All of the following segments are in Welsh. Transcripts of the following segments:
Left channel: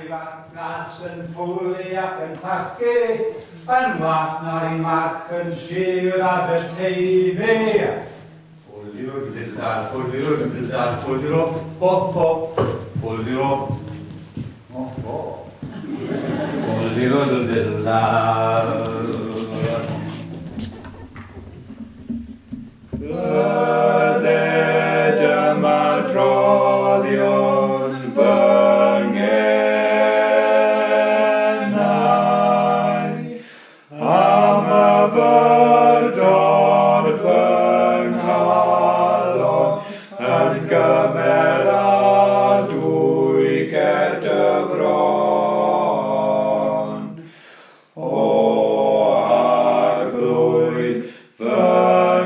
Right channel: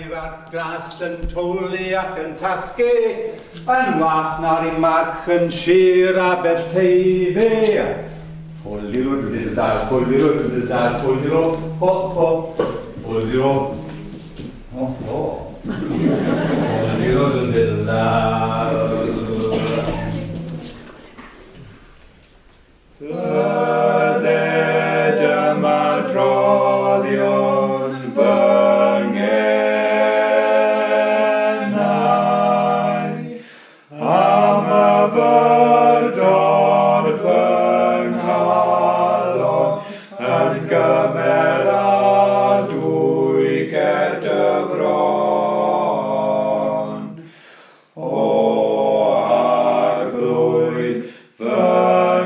ifanc glas yn twli ac yn tasgu, yn wath na'r un march yn sir Aberteifi. Ffwlio dydydar, ffwlio dydydar, ffwlio, ho ho, ffwlio, ho ho, ffwlio dydydar. Bydded yma droddion fy ngenau am y fyrdod fy nghalon yn gymeradwy ger dyfron. O arglwydd fy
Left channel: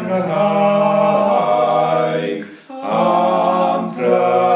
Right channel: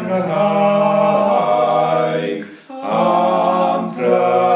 nghaig am brynwr.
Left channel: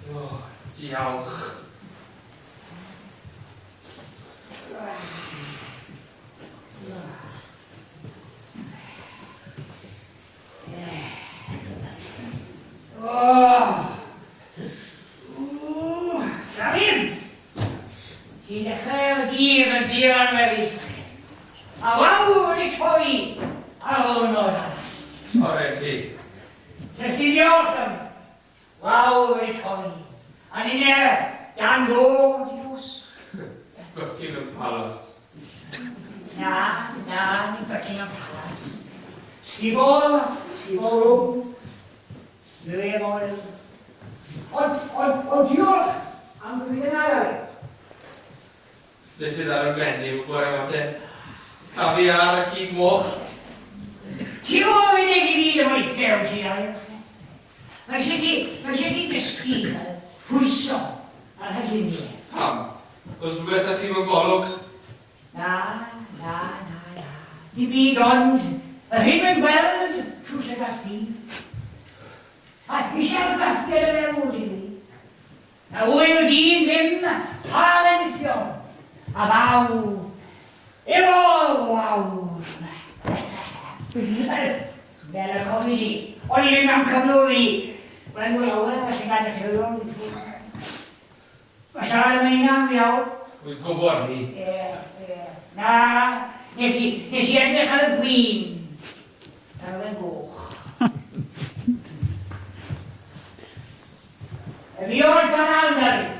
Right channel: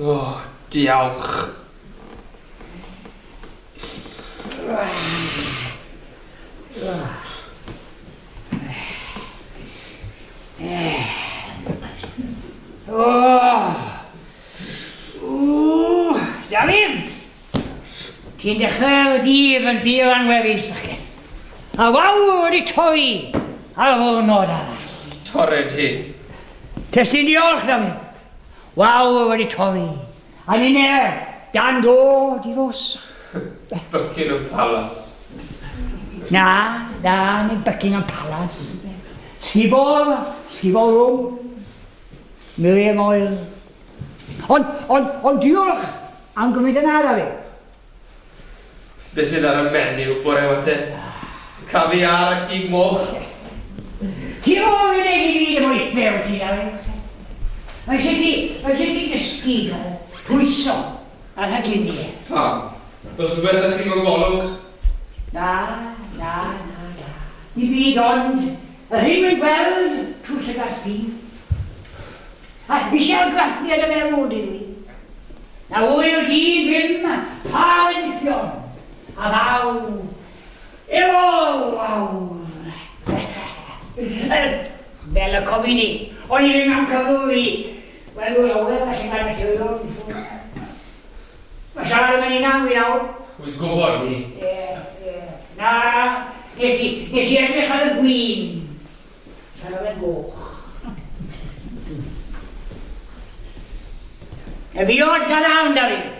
O, diolch. Dafydd, ti'n dechrau dydd yn byr anweddus ac a wawr i toi ar hwn o'r arall. Torred hi. Testyn diolch, Dafydd. Wawr wedi torri. A ni'n dan dod i ddos. Buckingham Palace. Na, nid Buckingham Palace. Sgubor rwm. Miriam Oil. Ond diolch am gymryd yna, Dafydd. Be sydd ar y menyw bore o te? Caviar a cig moch. Ti'n gwybod yn ei gyd yn weithio ti, Dafydd? Mae eisiau ti dysgu pwyso ar hyginiau. Pam? Os rhywbeth ydych chi'n golwg? Na. Di byd ond, y hyn mae'n gweld trwy lle graffi. A eisiau graffi ar y merod i mi. Na wyl dyn ddim, pal yn iffio'n. A ddaw, efo waw. Fel y cofi di, o'n i ddim am cyflwy. Wel, dwi'n awyr, a sy'n gael y tywydol. Mae siarad yn mynd i nawr, iawn. Wy'n gwybod hi. Na, nes i edrych ar y gwyn. Siarad yn goch. Y fi o'r gadawn, Dafydd.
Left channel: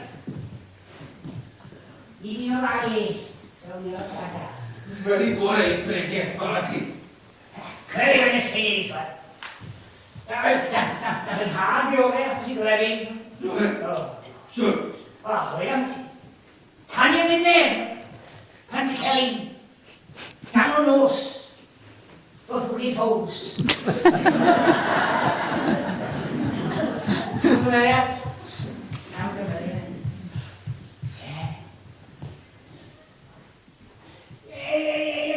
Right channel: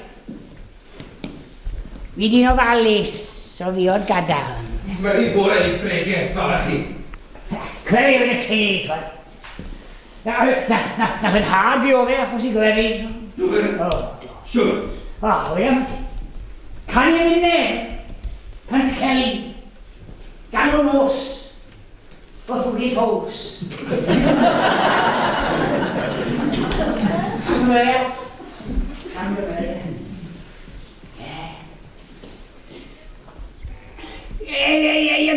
Fi di'n ofalus, so fi o'r gadawn. Mae hi gorau i bregaeth fel chi. Clefi yn y teg, fa. Na fy'n hard fi o fe, achos i glefi. Dwi'n siwr. O, wyam. Can i'n mynd pan ti cael ei gan o nos bod fwg i ffws. Wyam. Can gyfer.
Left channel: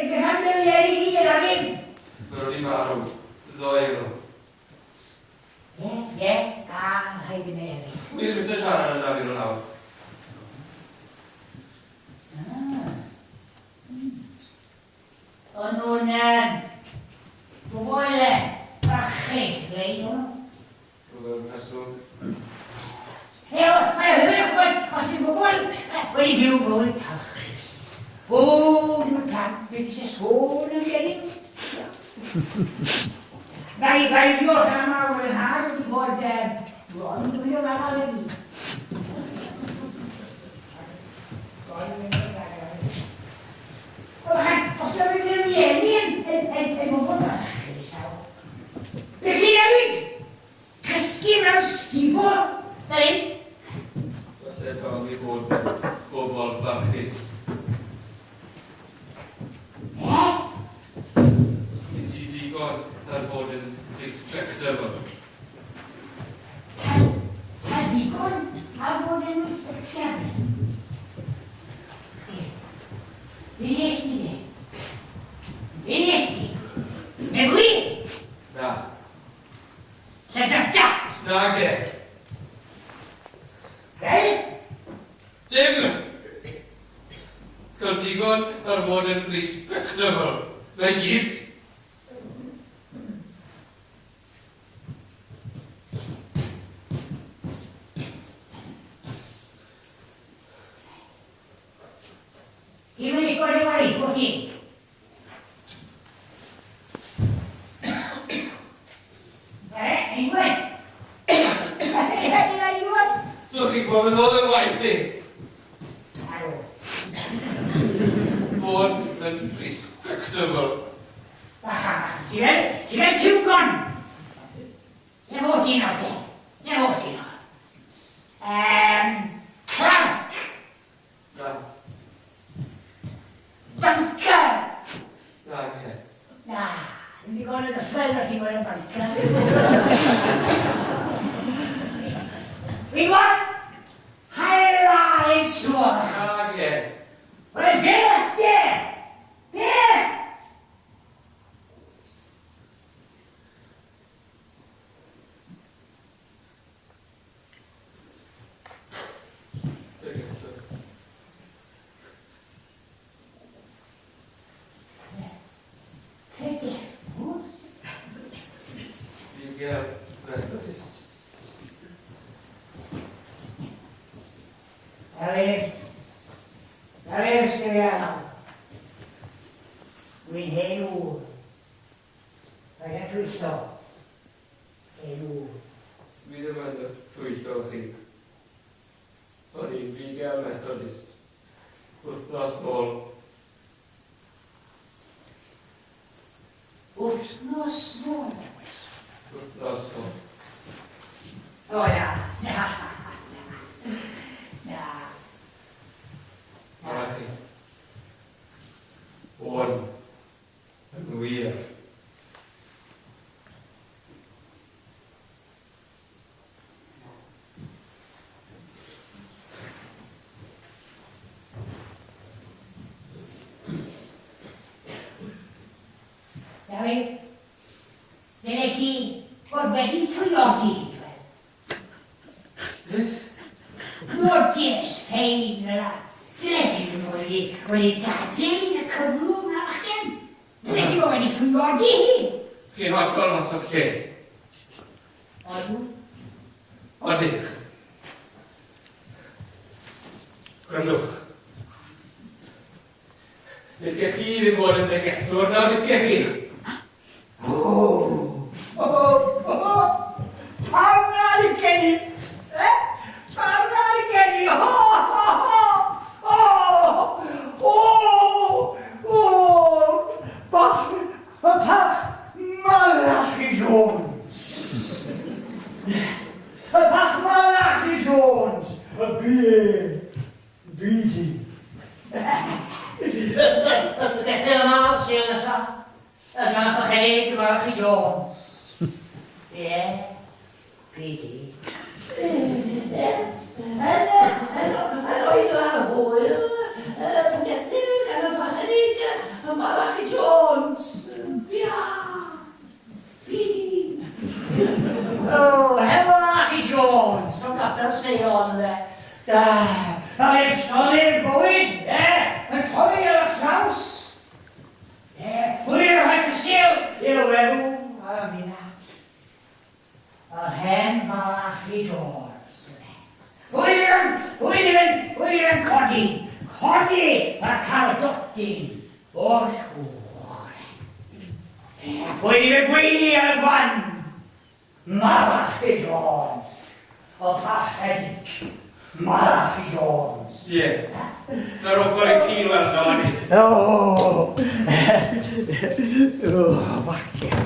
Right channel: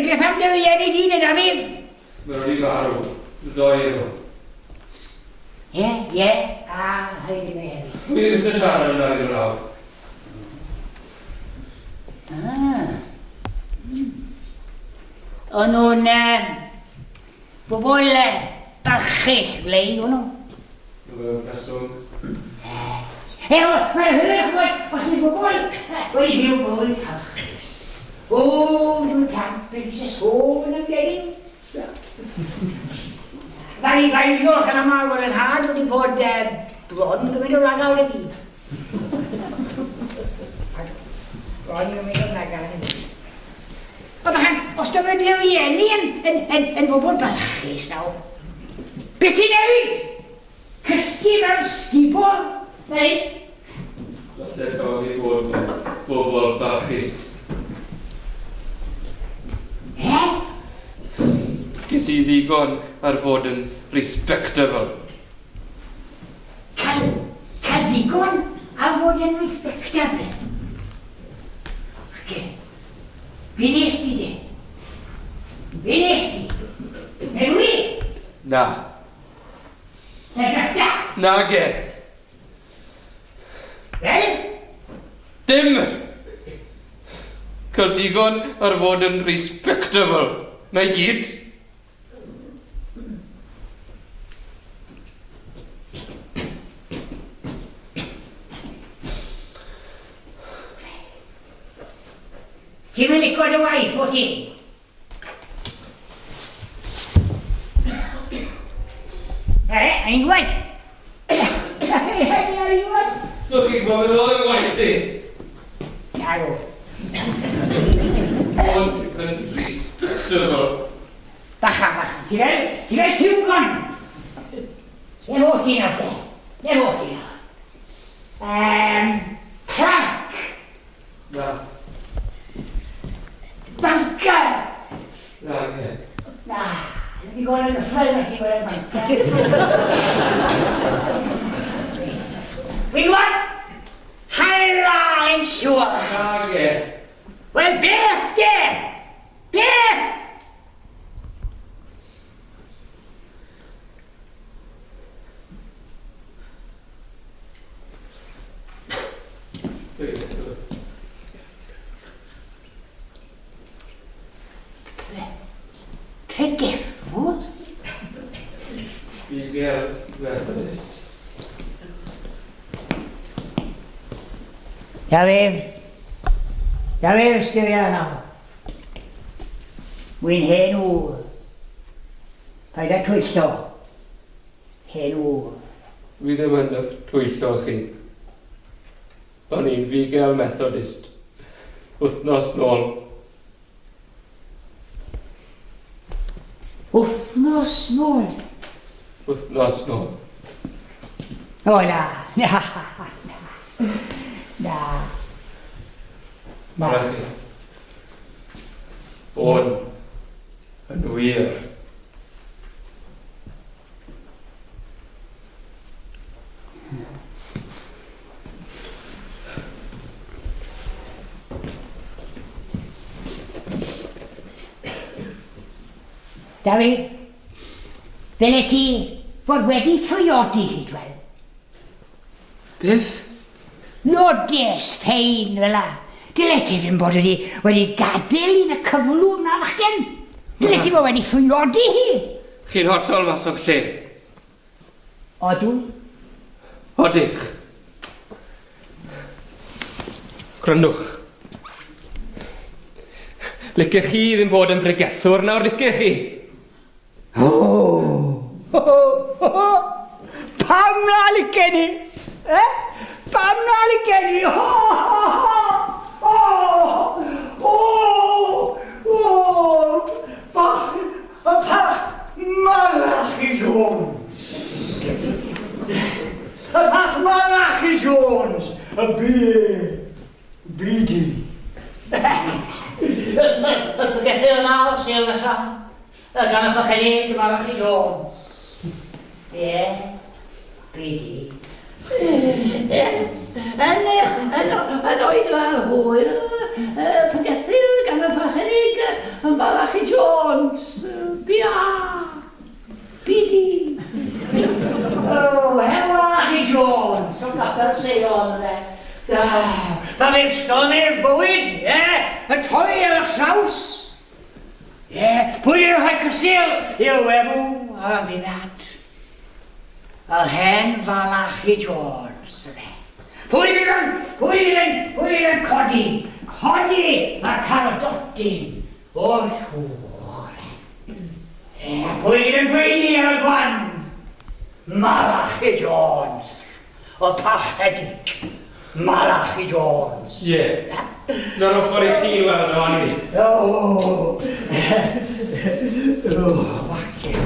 Beth am dy fi i dyn, Dafydd? Mae nhw'n i farw. Ddoi nhw. Ie, a hyn i mi heddi. Pwy sy'n siarad yn ar un rawr? O'n nhw'n bobl barchus blein, o'n nhw. Dwi'n preswm. Mae'n hynny, os ydy bobl wedi byw bwyd parchus. O, dwi'n camp, beth sy'n sôn yn geni. Gai diolch yn aml fod yn had wedi bod bron yn gymryd o lagawd y fi. Bron yn gymryd o lagawd y fi. Os dy rwy'n rhieni yn bobl barchus nawr, beth ti'n newid? Cysgu fel sgibo? Neu? Lle cael ei bod yn bobl barchus. Ges I ddigon ar fod yn respectable. Cael digon a fod yn respectable. Oce. Be nes ti de? Be nes ti? Neu fwy? Na. Lledrydda? Na ge. Fel? Dim! Cael digon ar fod yn respectable. Mae gyd. Ti'n mynd i gwrdd y waith o ti? Ein gwed? Ein gwed? So chi'n gofyn oedd yn waith i? Narw. Ond yn respectable. Bacha. Ti fel tiwgon? Ne fod ti'n awr te? Ne fod ti'n awr? Clark. Na. Banker. Na ge. Na, ddim i gwrdd yn y ffilm a ti'n gwrdd yn banker. We want Hyla Insurance. Na ge. Wel, beth de? Beth? Pegefwr? Bigel Methodist. Ja fel styria nawr. Wy'n hen ŵr. Paid â twyllo. Hen ŵr. Fi ddim yn twyllo chi. O'n i'n Bigel Methodist. Wythnos nôl. Wythnos nôl. Wythnos nôl. O na. Na. Mae chi. O'n yn wir. Dawi, fel ti fod wedi ffriodi dwel. Beth? Lodes ffein fel la. Dyle ti ddim bod wedi gadael yn y cyflwr na fachgen. Dyle ti bod wedi ffriodi hi. Chi'n hollol mas o'r lle. Odw? Odych. Grynwch. Licech chi ddim bod yn bregethwr nawr, licech chi? Pam na licen i? Pam na licen i? Pach malach i Jones. Pach malach i Jones. Bidi. Gethir yma, sy'n nesaf. Gan y bychenig malach i Jones. Ie, Bidi. Yn oed fel hwyl, pygethir gan y bychenig malach i Jones. Bia. Bidi. O, malach i Jones. Yn gadael seion, Pan i'r stôn i'r bywyd, yn torri ar eich traws. Pwy yw'r rhai cysil i'r wefw am i ddad. Y hen falach i Jones. Pwy yw'n codi a caradoti o'r llwch. Pwy yw'n gweini ar y gwan. Malach i Jones. O pachedig. Malach i Jones. Ie. Nawr o'n ffordd i chi weld o'n i. Wacen.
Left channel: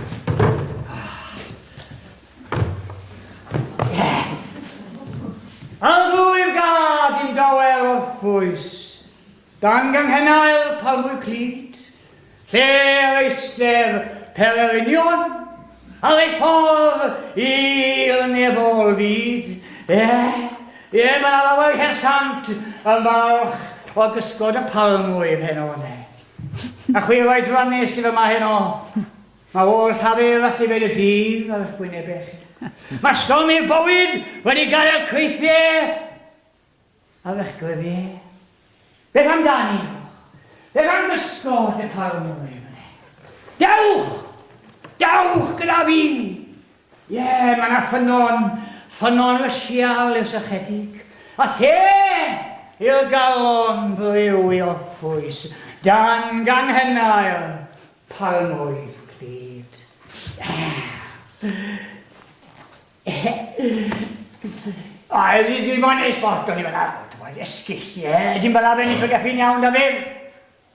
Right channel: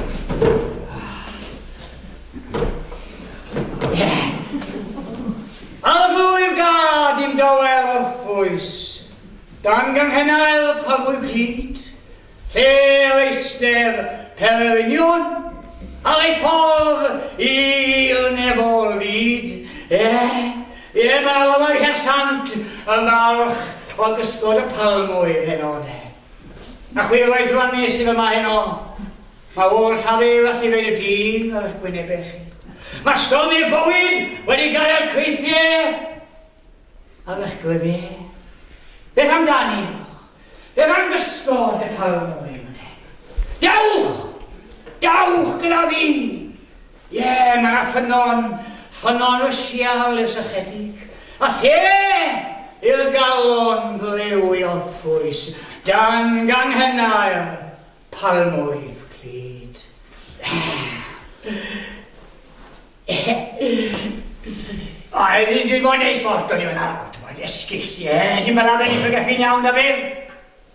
Alddwy'r gad i'n dawel o ffwys. Dan ganghennael palmwy clyd. Lle o eistedd Herwynion, a ei ffordd i'r nefol fyd. Mae lawer hersant y falch o gysgod y palmwydd heno ne. A chwi roi dranu sydd yma heno. Mae o'r llafur allu feid y dyn ar ysgwynebech. Mae stormi'r bywyd wedi gael creithiau ar ysgwynebech. Beth amdani o? Beth am gysgod y palmwydd ne? Dewch! Dawch gyda fi! Mae ffynon y sial yw'r sychedig. A yw'r galon ddiw i orffwys. Dan ganghennau'r palmwydd clyd. Dwi'n gwneud neis bort o'n i fyna. Dwi'n esgus, Dwi'n mynd am ennill y gaffi'n iawn da fi.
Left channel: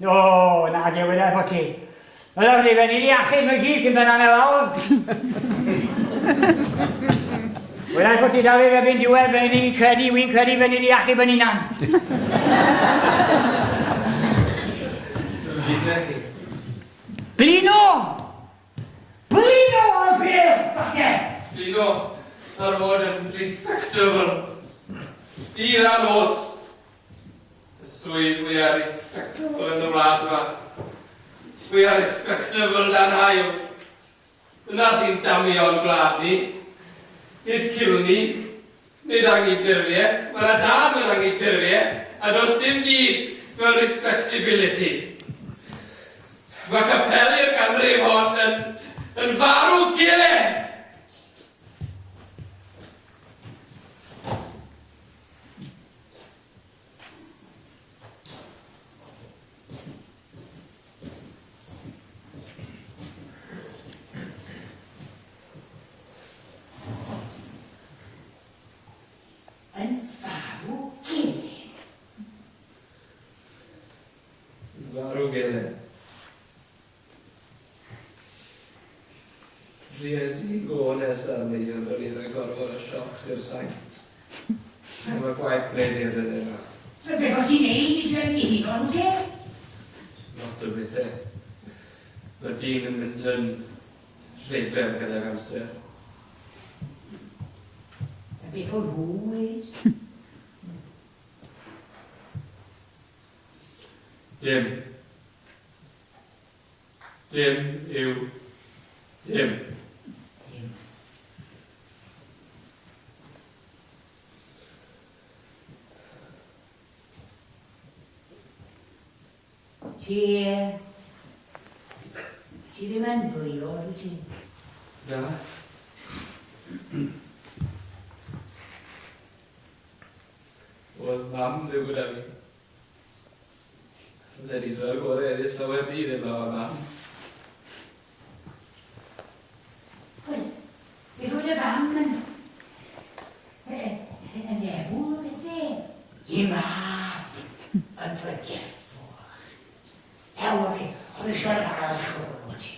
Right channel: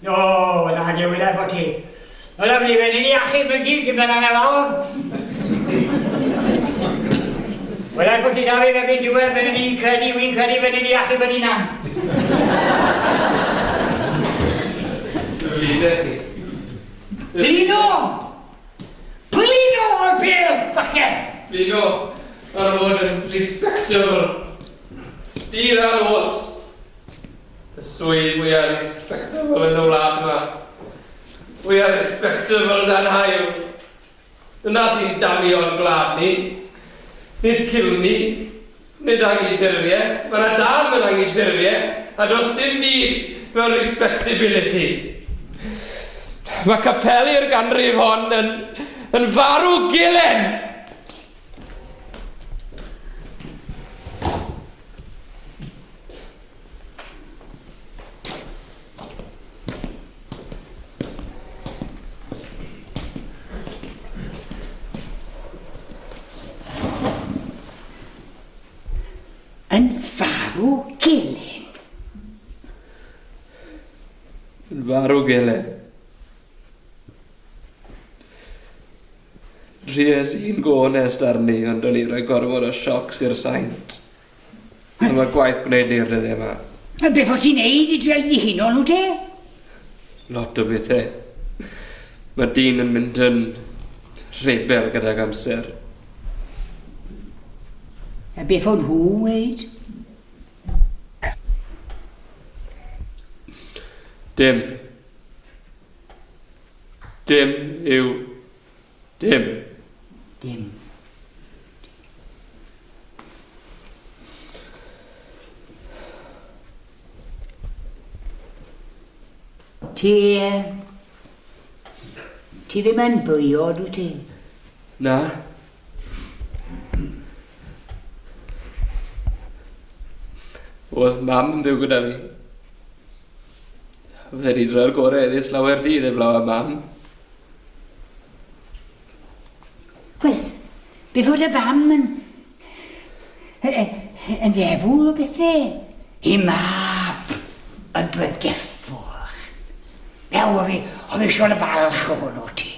O, na, newid ar fod ti. Wel, fi fe'n i'n iachyd mewn gyd gyda'n anna lawr. Wel, ac o ti da fi fe fi'n diwedd fe'n i'n credu, wy'n credu fe'n i'n iachyd fe'n i'n an. Blino! Blino o'r beth, fache! Blino, ar fod yn respectable. Dydd ar os. Y swydd mwyaf respectable yn y wlad yma. We are respectable dan hael. Dyna sy'n damio'r gwlad ni. Nid cilni, nid anghyffurfiau. Mae yna dal yn anghyffurfiau, a does dim byd mewn respectability. Mae capeli'r ganrif hon yn farw gilen. Yn farw gilen. Yn farw gilen. Rhies i'n gonest arni, ond o'n i rhoi gorfod o siocs i'r saint. A mae gwaith gwneud i'r rydde yma. Beth o ti'n neud i dweud i hyn o'n nhw te? Lot o bethau. Mae dyn yn mynd yn rebel gyda'r amser. A beth o'n nhw weid? Dim. Dim yw dim. Dim. Ti ddim yn bwyod wyt ti? Na. Oedd mam yn byw gyda fi. Fydde ni dro'r gorau edrych lawer dydd eblaw a mam. Wel, beth oedd y fam yn ddefwl o bethau? I mab yn bregeffwr. Fel oedd fi siwr y balch o hwnnw ti.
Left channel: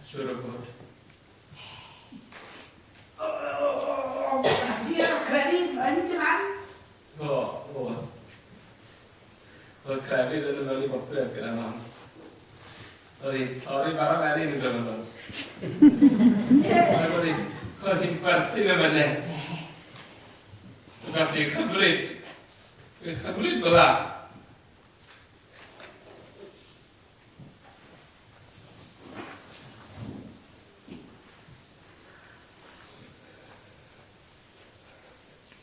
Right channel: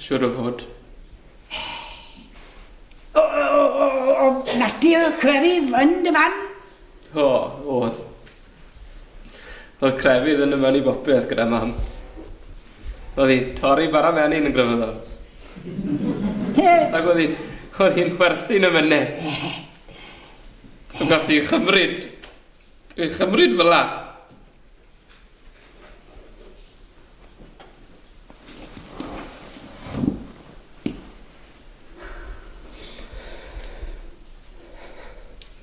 Siwr o fod. O natur crefydd yn dy fam? O, oedd. Oedd crefydd yn yma i bopeth gyda mam. Oedd hi'n torri bara menyn yn gryfyddol. Ac oedd hi'n chwerthu'n ymynau. Ac oedd hi'n chymryd. Dwi'n chymryd fel la.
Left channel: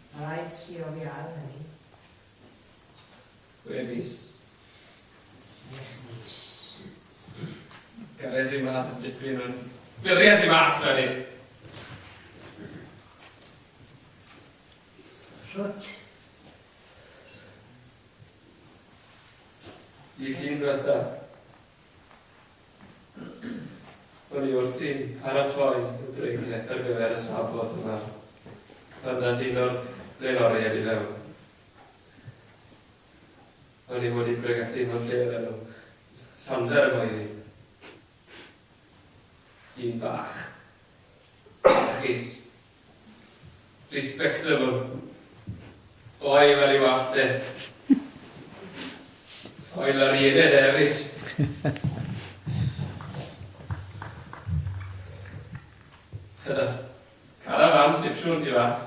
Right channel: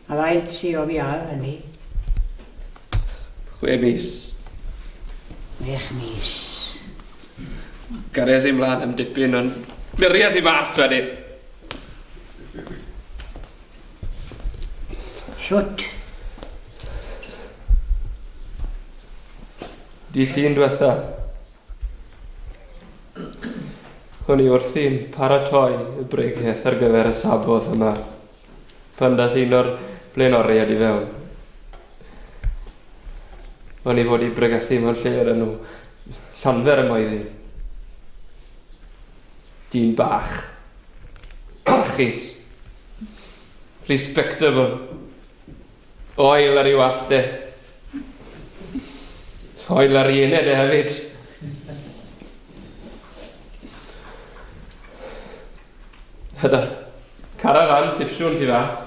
A faint si o fi ar hynny? 6 mis. 6 mis. Garias i mlaen am dipyn, ond mirias i mas wedyn. Siwt? Di llun diwetha. O'n i wrthi'n paratoi y breigiaeth ar gyfer y sabodd yma. Pan dath un o'r blaenoriaid i fewn. O'n i fod i bregethu mewn lle ar enw Llanfer y Moeddi. Dyn bach. Bachus. Respectable. Oel ar i'w allte. Oel ar un hefyd. Byddai carafan sipsiwn ti fas.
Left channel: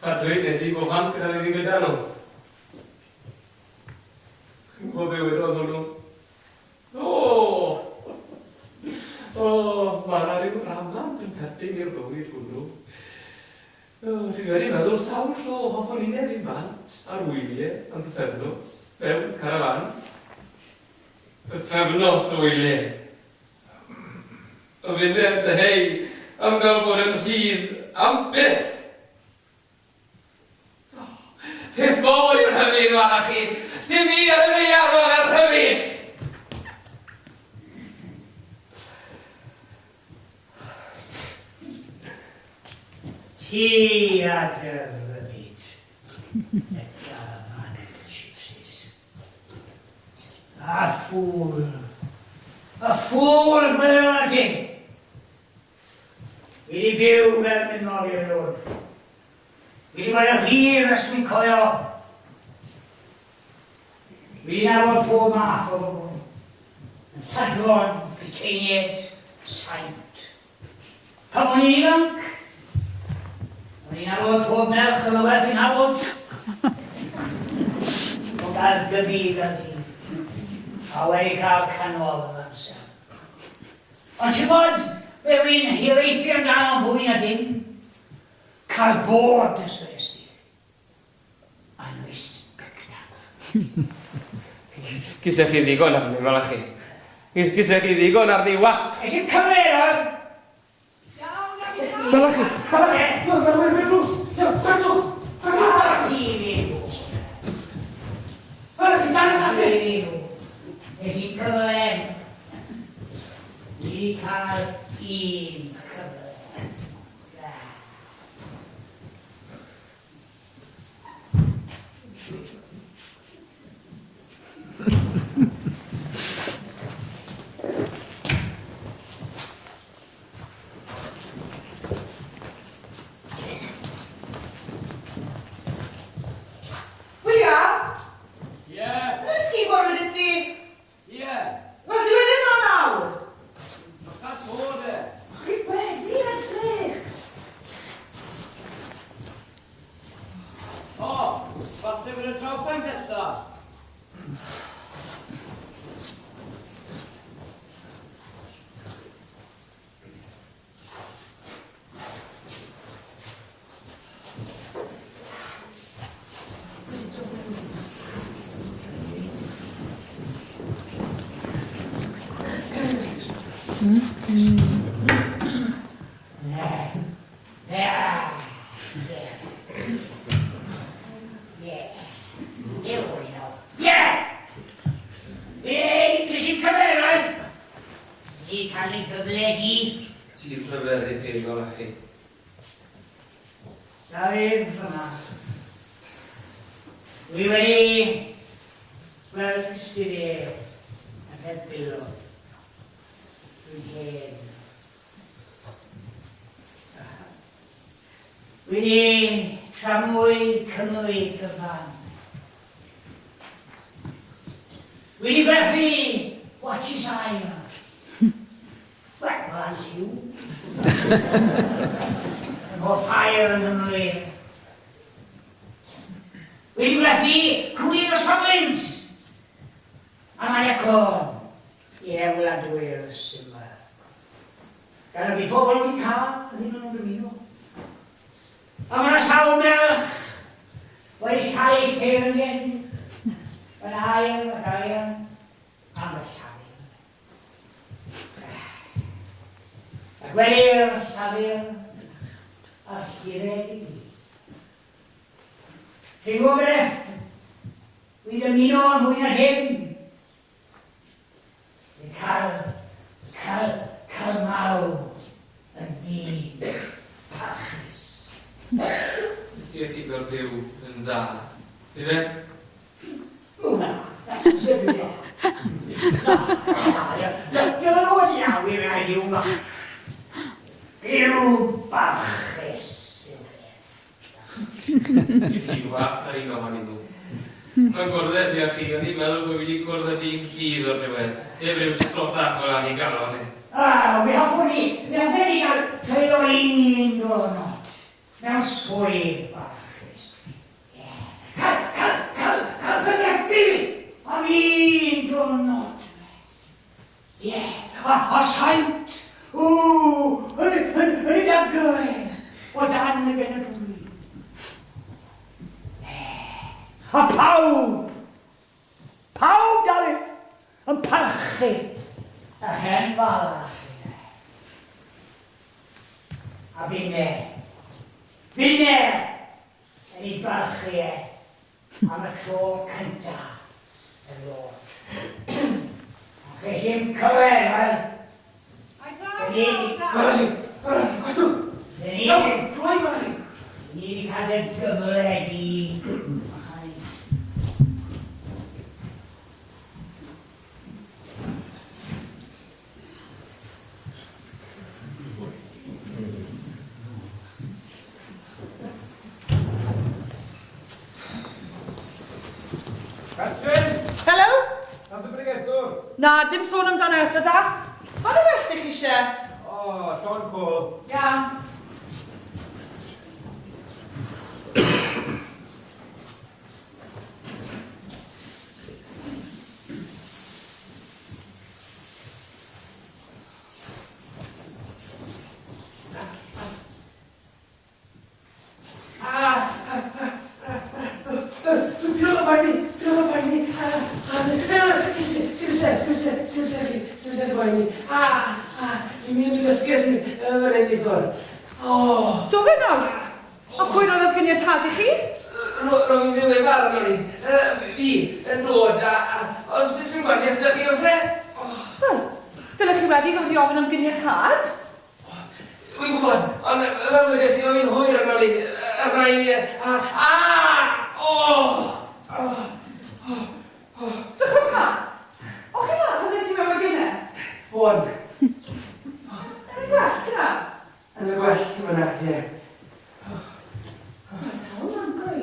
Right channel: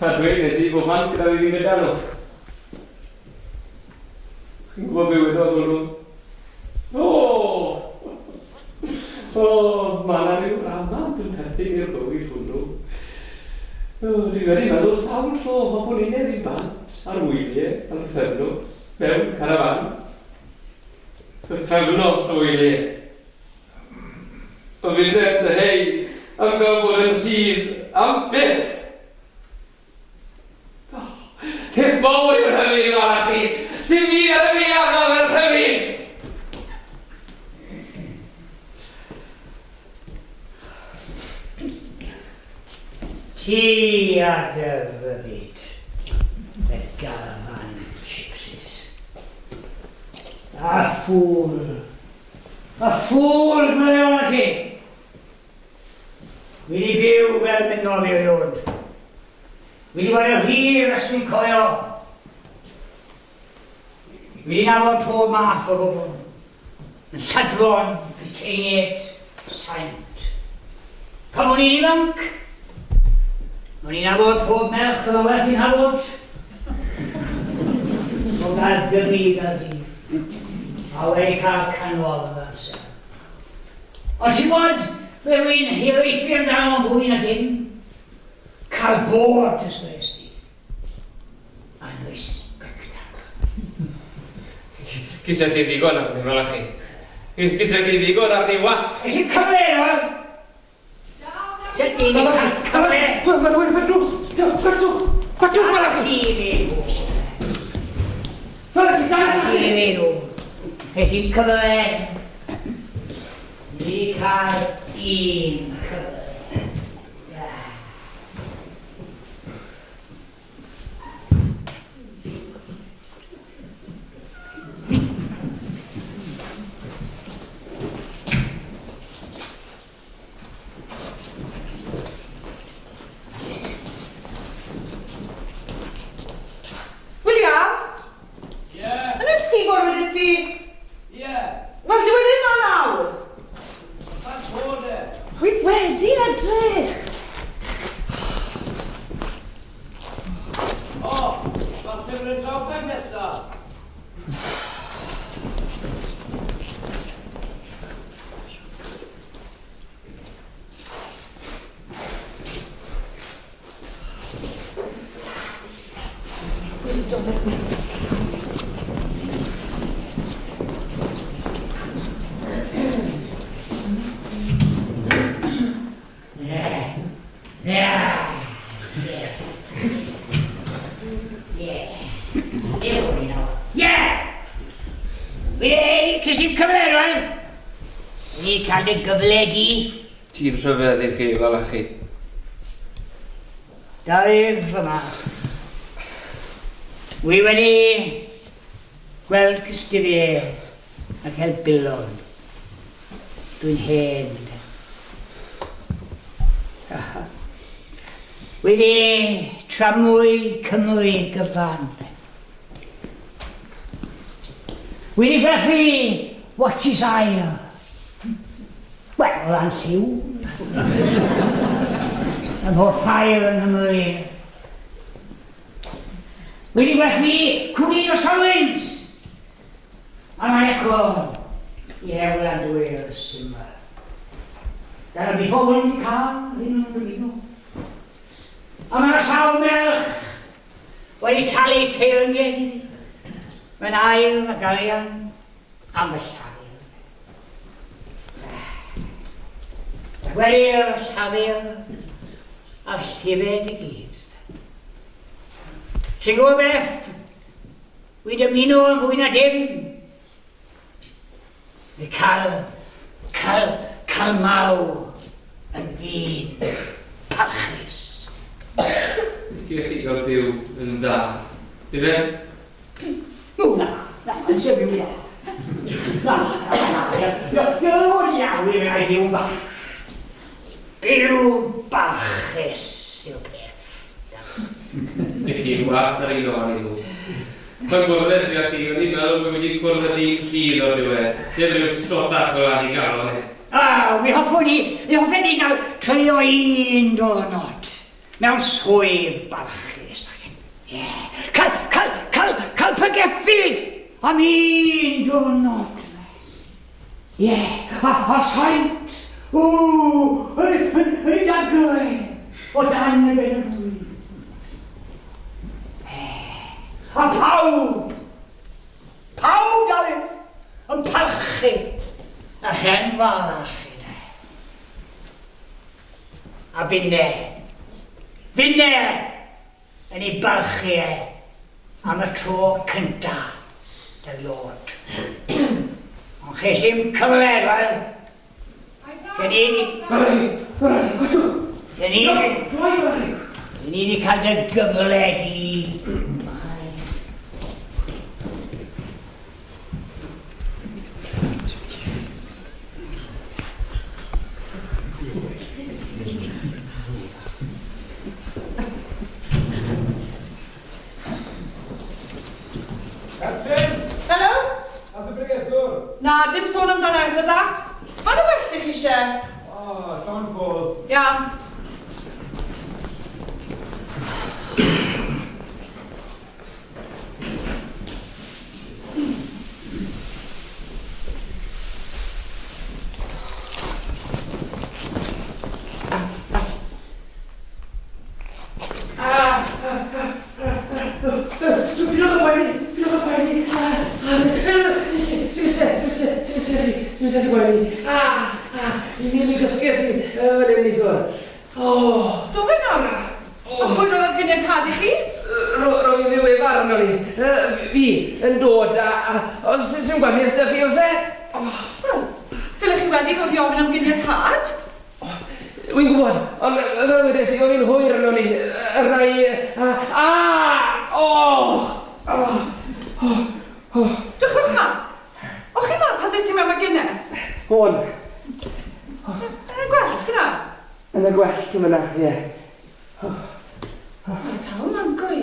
A dweud nes i bob hand gyda fi gyda nhw. Chi'n gwybod be wedodd nhw? Mae yna rhyw amant yn perthyn i'r bywyd hwnnw. Dwi'n wedi meddwl sawl tro o bobl uned i bant ar wyliau, ar bythefnos, mewn carafan. Bythefnos o wyliau. O fynd dy hei am gael bod yn rhydd am byth. Cef fawr i'r hyfryd yma chi, sy'n fi ar y fi arno fel hyfryd. Ti a dy fywyd, y garafan gypsies. A ffŵl gweddi o'n ti. Fi wedi byw fel mynnodd i'r ddod. Fi wedi bod o hir ys mi'n coio. Fi wedi nabod pob math o bobl. Yn lladron, Bryteiniaid, saint. Pan o'n i'n ifanc, o'n i'n nabod pob merch yn o werth i'n nabod. O gael gybi fel di. A wedi cael canodd yn amser. Ond ti'n bod, fe wy'n hiraethu amdano fwy na dim. Cael bod ysgwrs di. A'n respectable. Gysau chi ddigon am ni, fel chi. Gysau chi ddigon am ni, wat. Ys i'n cyfer o? Sut ni wedi cael cyfer? Gwatwch fel chi feddwl. Chi feddwl. Ys i'n cyfer. Ni cael un cyfer. Wel, dwi wedi yma nawr. That's order. Dwi wedi edrych. Fath yw'n y troffa nesaf? Cael y gyfledu. Ti'n rhyfedd i chi, fel chi. Dair fyma. Wi wedi gweld cystifie ac helbilon. Dwi'n hen. Wedi tramwy cymwy gyfan. Wedi gwerthu watches ail. Wel, o'n siw. Ym mhob ffair yn ymwneud. Wedi gwerthu cwlin o sawins. A mae'n echo i Ewland Wales yma. Gan y biffo wedi cael, ddim yn dymuno. A mae'r sawl melch wedi talu teyrnged. Mae'n ail a gael am y llaw. Gweli'r llafur a'r llifed i gyd. Sy'n gwybod beth? Wi dymuno am hwy na dim. Fi cael maw yn byd parchus. Gyrch chi gael byw yn dda. Ife? Na, yn sefyll o. Iawn iawn i'n ei ddiw bach. Byw barchus yw'r peth. Ni chi gwaith ar ei gofyn i nhw. Mae'n gwrdd sy'n chi wedi meddwl bod wedi gwrdd â ni'n ffydd o'r diwedd. Dim rhyw stodach o ran i gael o'n e. Mi hoffwn i gael treulio un diwrnod mewn swydd balchus. Ie. Cael pygeffi am un diwrnod. Ie. A saint. Yn dagau o dan y genedlu. A pawb, Dafydd, yn parchu a hen falach yna. A finne yn ei barchu am y tro cynta y lod. Ond ches i'n cyfle, gen i wedi cael dy gyfle di. Hello? Nath y bregethwr? Na, dim sôn amdano eto, dat. Ond o well chi eisiau? O, John Paul. Iawn. Do fe nawr? O pwy roedd gen i'r tad i chi? Rwy'n i ddiwedd farn o'n i. Fi yn dod a sy'n gwaniaeth ydych chi o se? Wel, dylech chi wedi ddod i ofyn am gen i'r tad? Wy'n gwybod, ond fel wedi sy'n o'n i'n hwyr yn o'n i. Yr rai... Dwchwch ma. O chi ma pan ddys i mewn gynnau? Hwn, Yn y gwell, fyna? yn y gwell yn fyna, ie. Mae'r tal ma'n gwy.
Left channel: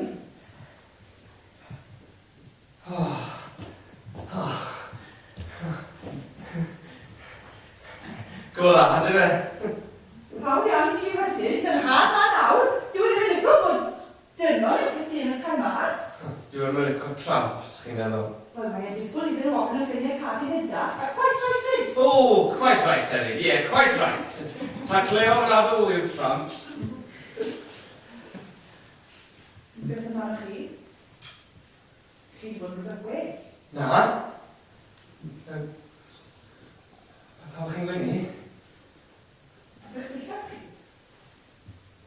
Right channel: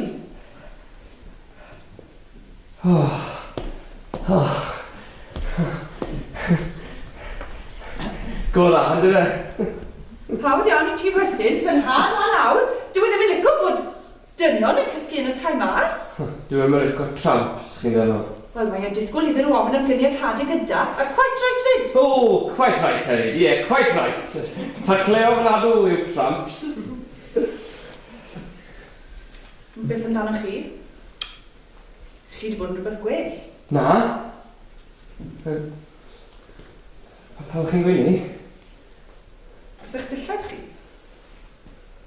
Go dda, ydw e? Hawdd iawn i ti werthin, sy'n han a nawr. Dwi ddim yn licio bod dynion yn cysgu yn y tai mas. Dwi'n mynd i'w tramps, chi'n meddwl. Wel, mae e'n disgwyl iddyn nhw ofyn am gynnau tad yn gyda, a quite right fyd. Oh, quite right, Eddie. Yeah, quite right. Tacle o bradw yw tramps. Beth amdano chi? Chi wedi bod yn rhywbeth gwell? Na. Pawb chi'n gwyni? Beth eich dillad chi?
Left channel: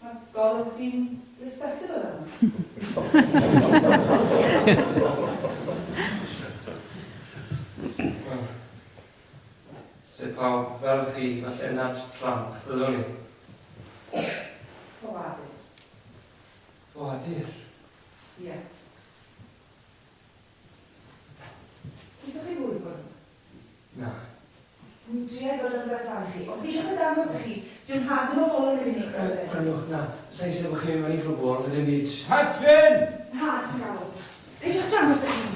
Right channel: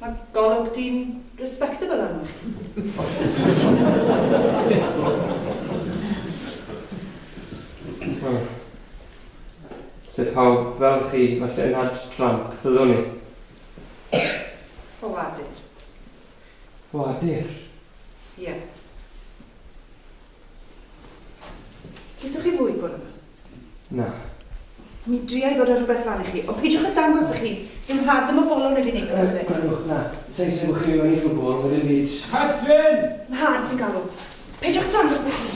Mae golwg di'n respectable arno. Sut pawb fel chi, falle yn had tramp, fyddwn ni? Ffoadur. Fwadir. Ie. Gyswch chi fwy bod yma? Na. Mi driai ddod ar rhywbeth rhan i chi, o peidiwch y dangos i chi. Dim had am y folon i fi wneud. Gwrandwch, na. Sa'n sy'n mwch chi mewn i rhywbeth, fydden byd. Catrin! Yn had sy'n galw. Peidiwch dangos i chi.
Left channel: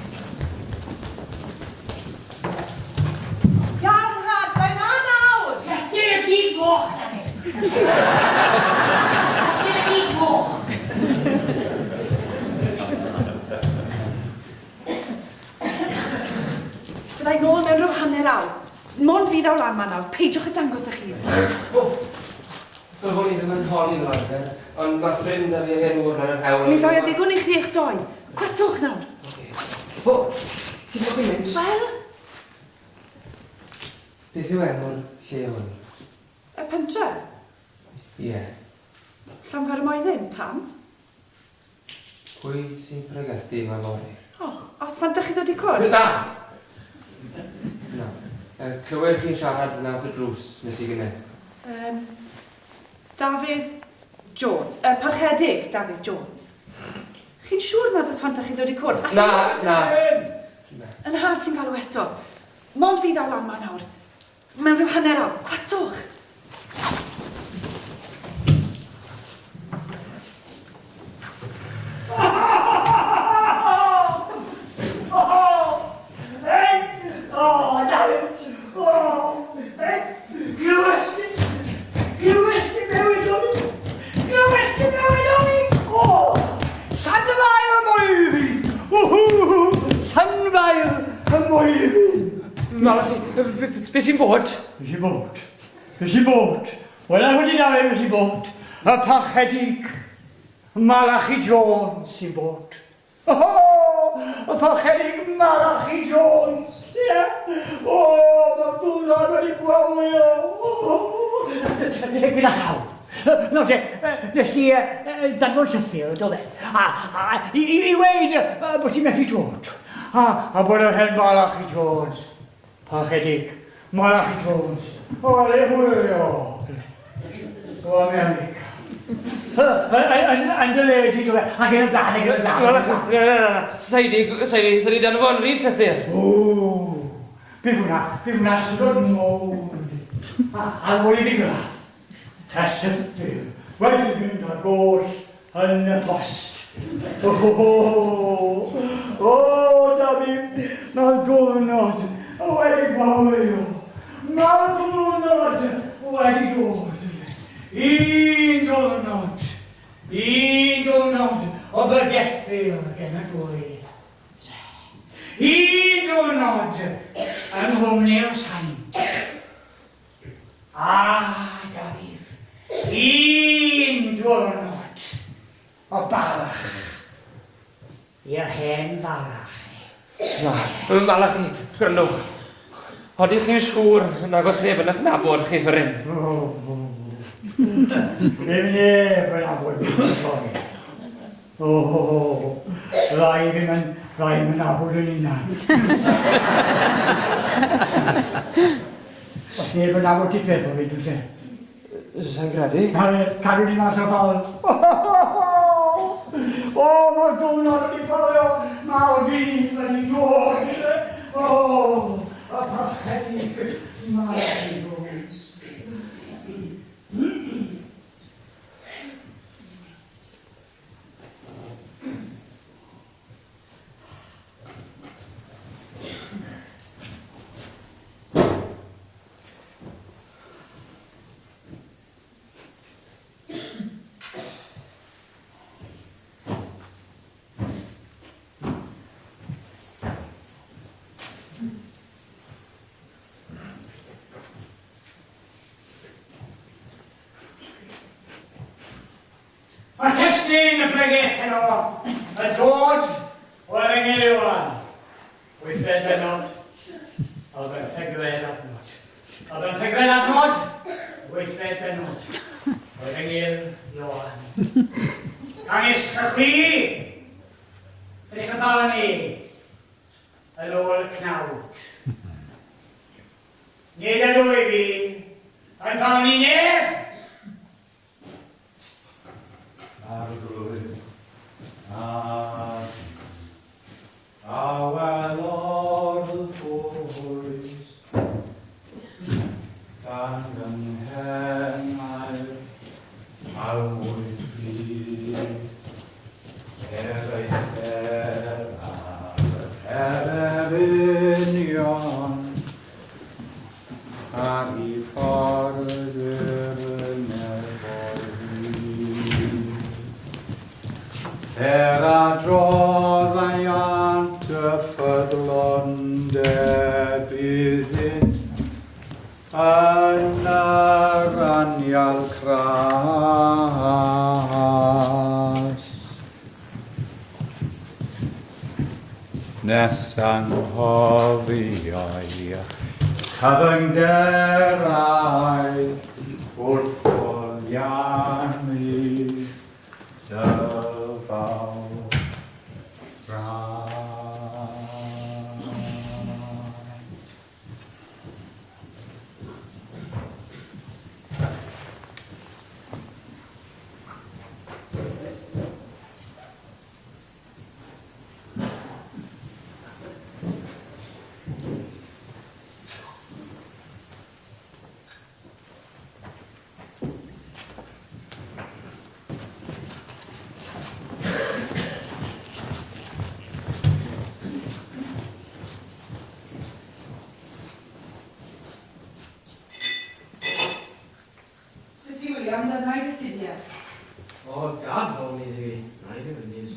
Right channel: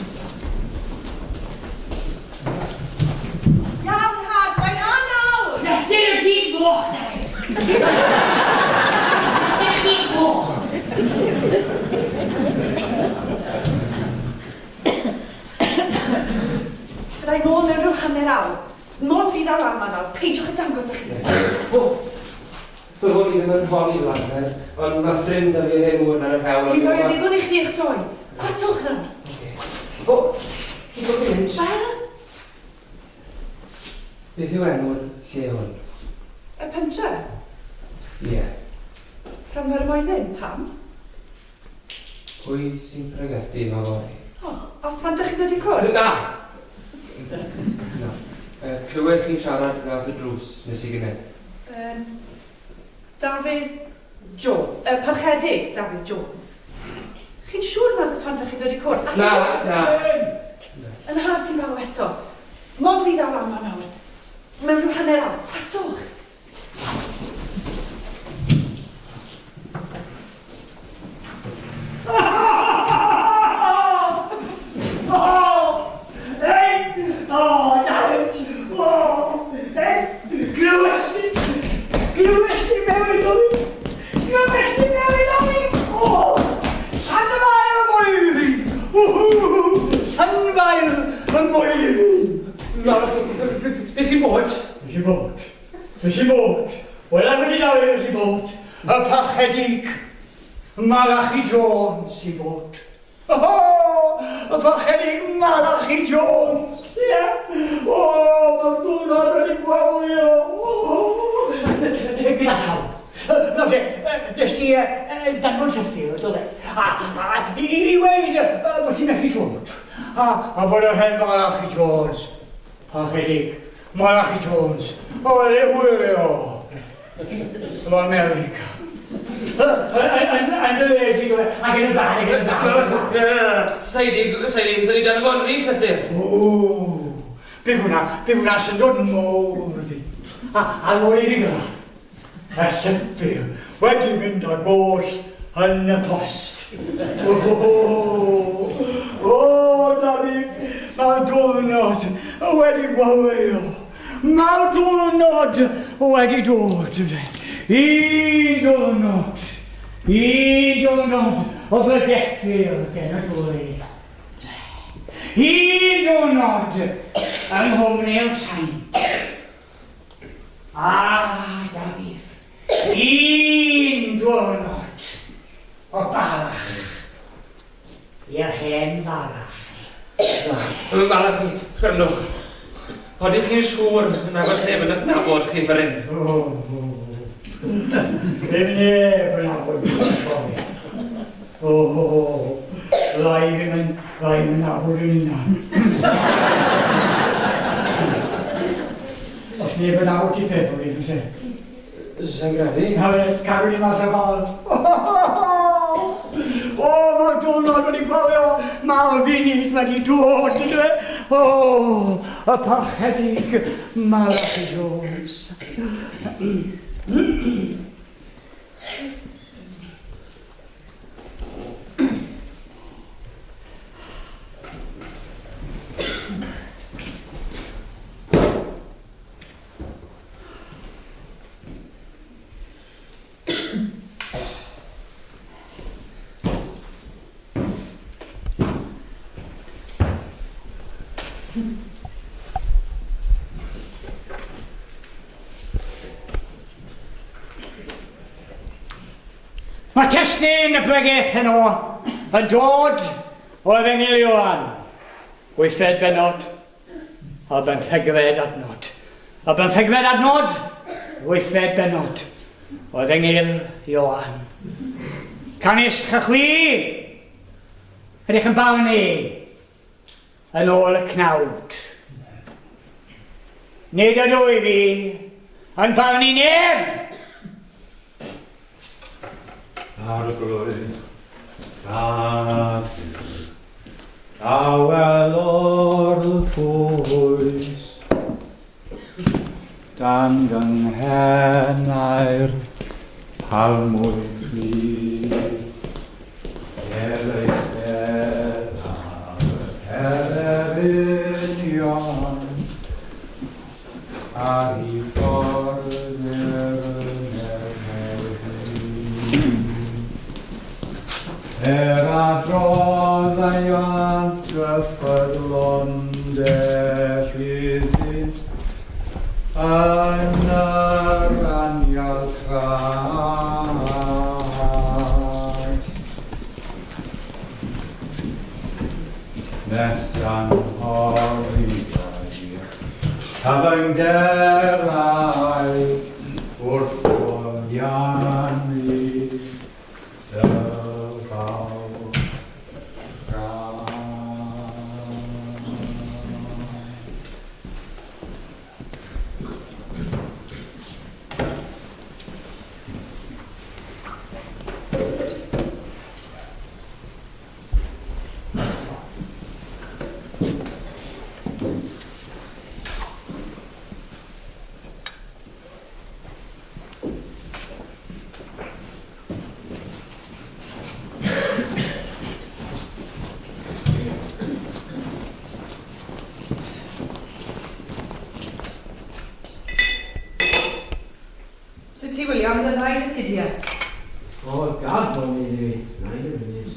Iawn, had, mae'n had nawr! Dy'r chi boch na i. Dy'r chi boch. Byddai nôl mewn rhyw hanner awr. Mod fydd ar lan nawr, peidiwch y dangos i chi. Byddwn i ddim yn holi flander, ond mae ffrind a fi hen wr yn y hewl. Mi roi ddigon i chi eich doi. Gwartwch nawr. O, chi'n bod i'n mynd? Wel, Beth yw enw'r lle hwn? y pentre. Ie. Llanfer y moedyn, pam? Pwy sy'n pregethu mewn fori? O, os pan dych chi ddod i cwrdd? Da! No. Clywed chi'n siarad yn awr y drws nes i gynnau? Dafydd Jones. Parchedig Dafydd Jones. Chi'n siŵr nad os pan dych chi ddod i cwrdd? Na, na. Yn had sy'n galw eto. Mod fydd ar lan nawr. Mae'n rhyw hanner awr. Gwartwch. Dafydd! i fod? Ys i bod. Ys i bod. Wel, am wedi dal ys i bod. Y parchedig. Malachi Jones i bod. Oh, y parchedig Malachi Jones. Yeah. Oh, mae diwrnod wedi gwawio. Gyda llaw. No, nes ti dadlon Sheffield, oedd e? I weid bod ti'n methu dod. A bod yr hen Malachi Jones. Parchedig. Malachi Jones. O, le hwylio. O America. Yn y ledi, ac yn dau. Sa'i dan y fonri, Llythyr? O, bydd hwnna sy'n dod yn mowr fi. A ôl i ddigra. Y Llythyr wedi mynd â goll yn y post. O, David, mae'r diwrnod wedi gwawio. Mae'r diwrnod wedi dod. Un diwrnod o bregethur gen y dweud. Un diwrnod yng nghwmni'r saint. David, un diwrnod o barach i'r hen farach. Malachi, rhywch. Odych chi'n siŵr nag oes neb yn adnabod chi fyryn? Neb yn abod fi'n sori. Rai fi'n abod yn unan. Os neb yn abod i feddwl i dwi'n se. Sa'n gadu? Cadw ni mas o ffordd. Mae'r diwrnod wedi gwafio. Mae'r funud wedi dod. Y parchedig Malachi Jones. Mae testyn y bregeth heno yn dod o Efengyl Ioan. Wythfed benod a bymthegfed adnod. A bymthegfed adnod, wythfed benod o Efengyl Ioan. Canis chychwi, ydych yn barnu yn ôl y cnawd. Nid yn o'i fi yn barnu neb. Arglwydd, awel o'r ffwys, dan gynghenau'r palmwyr ffri, eistedd ar Erynion, a i ffordd adrodd ei ant y ffyrlond fyddyd yn yr anial cras. Nes anghoriau cyfyngderau wrth bwriannu William, yn y rhaid astudio. Gad o'n i ddi. Rhaid yn ys.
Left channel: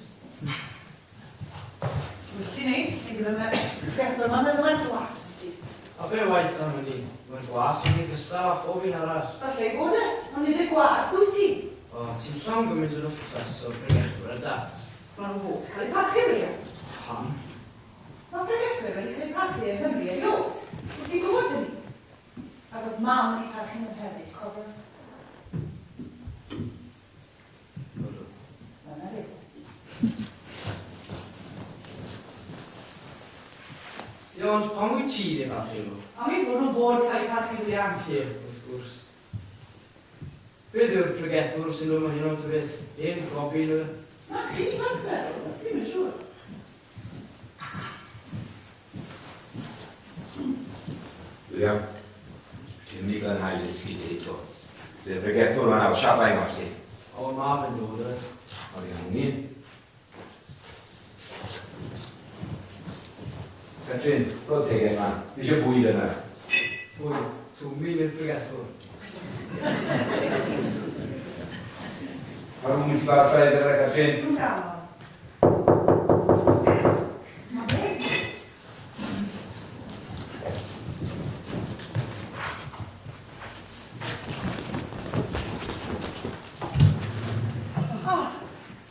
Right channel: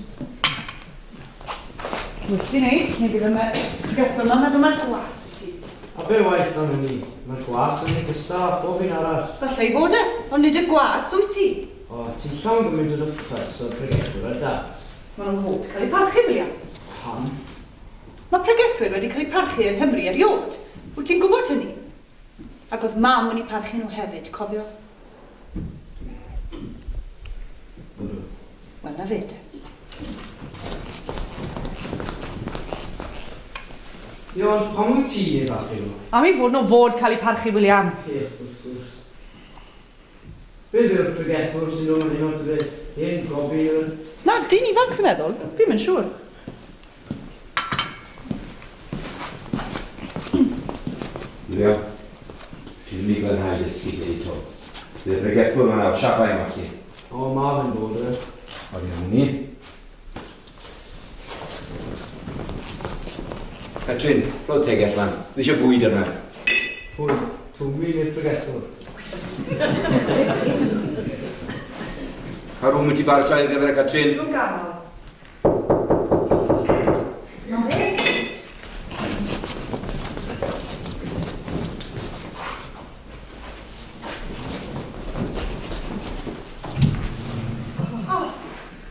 Wyt ti'n neud? Neu bydd yma gyffil am yma glas ti. A be waith o'n ni? Mae'r gwas yn ei gystal a phob un arall. Falle i fod e, ond nid yn gwas wyt ti. O, ti'n llawn gymaint o'r ffys o'r pregethwr ar dat. Mae'n fod cael ei parchu, William. Pam? Mae pregethwyr wedi cael eu parchu yng Nghymru eriod. Wyt ti'n gwybod hynny? Ac oedd mam yn ei parchu nhw hefyd, cofio? Wel, na fe te. Ond pam wyt ti ei fachu nhw? A mi fod nhw fod cael eu parchu, William. Ie, wrth gwrs. Beth yw'r pregethwr sy'n dod yn hyn o'r beth? Hyn, gobyr? Na, dyn ifanc fi'n meddwl. Fi'n mynd siŵr. William, ti'n mynd i glanhau ysgu lle eto. Bydd y bregethwr yma nawr siapau mas i. O, ma fe'n dod e. O, fi'n hwnnw. Catrin, roedd tegell lan. Dwi eisiau bwyd yna. Hwy, twmyn i'r pregethwr. Pa rhwng wyt ti bartra i'r gyfer y Catrin? Dwi'n gael.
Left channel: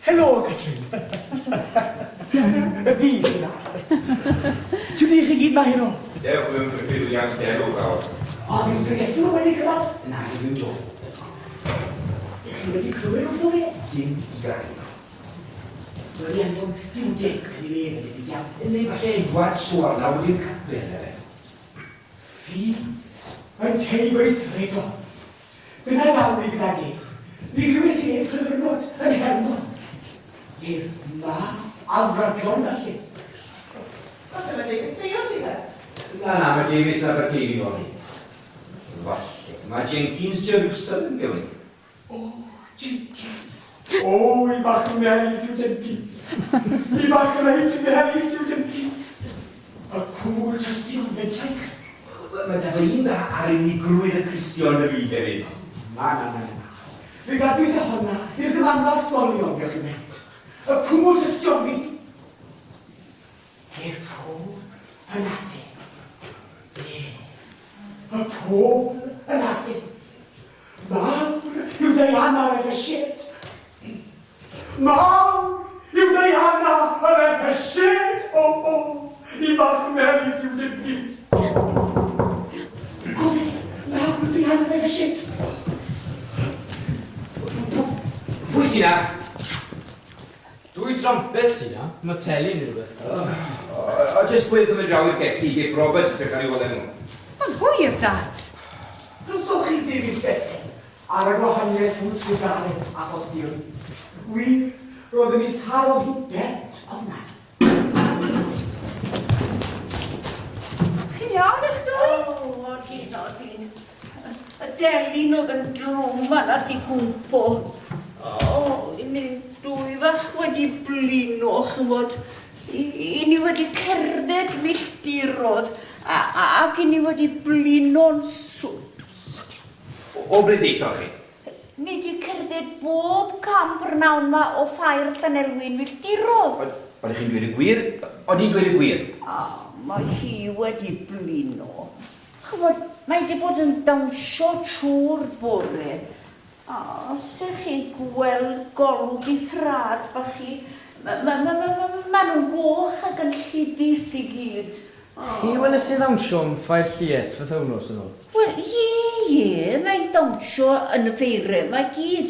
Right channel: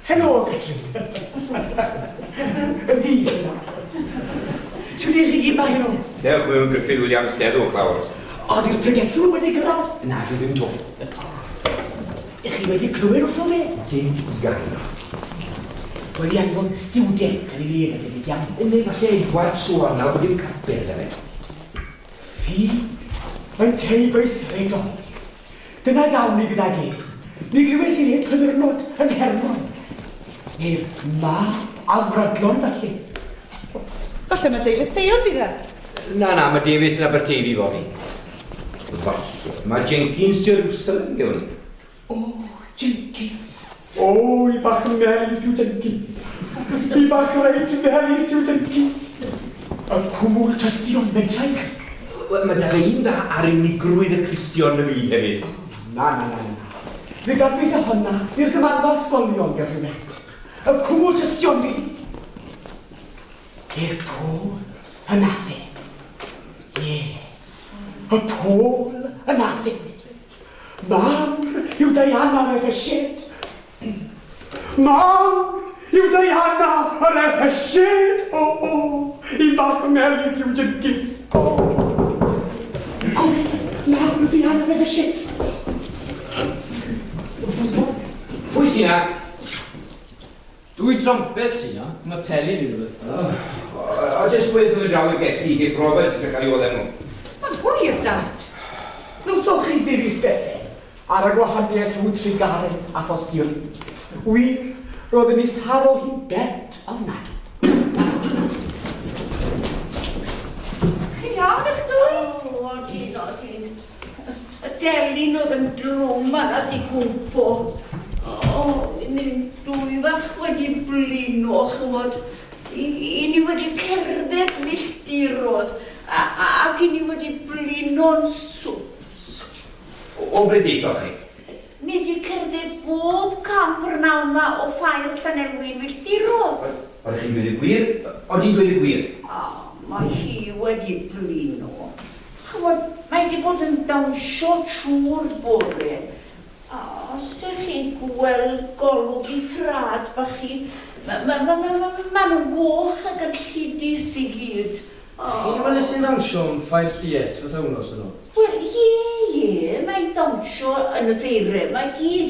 Helo, Catrin. Y fi sy'n yna. Ti'n mynd i gyd mae nhw? Dewch mewn Griffith Williams, derwch lawr. O, di'r pregethwr wedi gyrraedd? Na, ddim to. Ych chi wedi clywed wrtho fe? Dim gael. Wedi anfon student yn ei le yn ei iawn. Ynddi, falle i gwad sŵr nawr bod dim capel yna. Fi yn teib weithred o. Dyna ddawn ni gyda gi. Ni gwybod i et hyddyrnod yn Hermon. Neu'r ma afradlon falle. Falle mae David Theon bydd e. Na, mae Davies yn Aberteifi fory. Mae Jenkins Jerusalem gyda ni. O, Jenkins. O, i bach yn melis yw Jenkins. I bach reit melis yw Jenkins. Y cwmwl tystion mewn taich. Mae da fe un da ar unigrwydd y Cristion y fi hefyd. Na. Fe garbeth y honna i'r gymanfa ysgolion gallwn met. Y cwmwl tystion fi. I'r pôl yn athe. Ie. Y pôl yn athe. Mam yw Diana yn efo shit. Mam yw Diana yn efo shit. O. I bach melis yw Jenkins. Gofyn, mam yw Diana yn efo shit. Pwy sy'n na? Dwi trompes i na. Mae teli ni rhywbeth. O, jyst gwydd yn y draw i'r gellu, Giff Roberts, gael ei oedden nhw. Ond hwyr, dat. Nos o'ch chi ddewis bethau ar y gwahaniaeth hwnt sy'n garen a phostir. Wir, roedd yn eitharo hi bent ofnad. Chi'n iawn eich dwy? O, ti'n. Y delyn oedd yn drwm yna di gwmpo. O, ni'n dwy fach wedi blino, chymod. I ni wedi cerdded milltirodd, ac i ni wedi blino'n swps. O ble deithoch chi? Ni wedi cerdded bob camp yr nawn ma o ffair Llanelwyn milltirodd. Oeddech chi'n dweud y gwir? Oedd hi'n dweud y gwir? Mae hi wedi blino. Chymod, mae wedi bod yn dawnsio trwy'r bore. Os ydych chi'n gweld golwg i thrad bach chi, ma nhw'n goch ac yn lludus I gyd. Chi'n wedi sy'n ddawnsio yn ffaith Lluest fath awnos yn o? Wel, ie, mae'n dawnsio yn y feirau. Mae gyd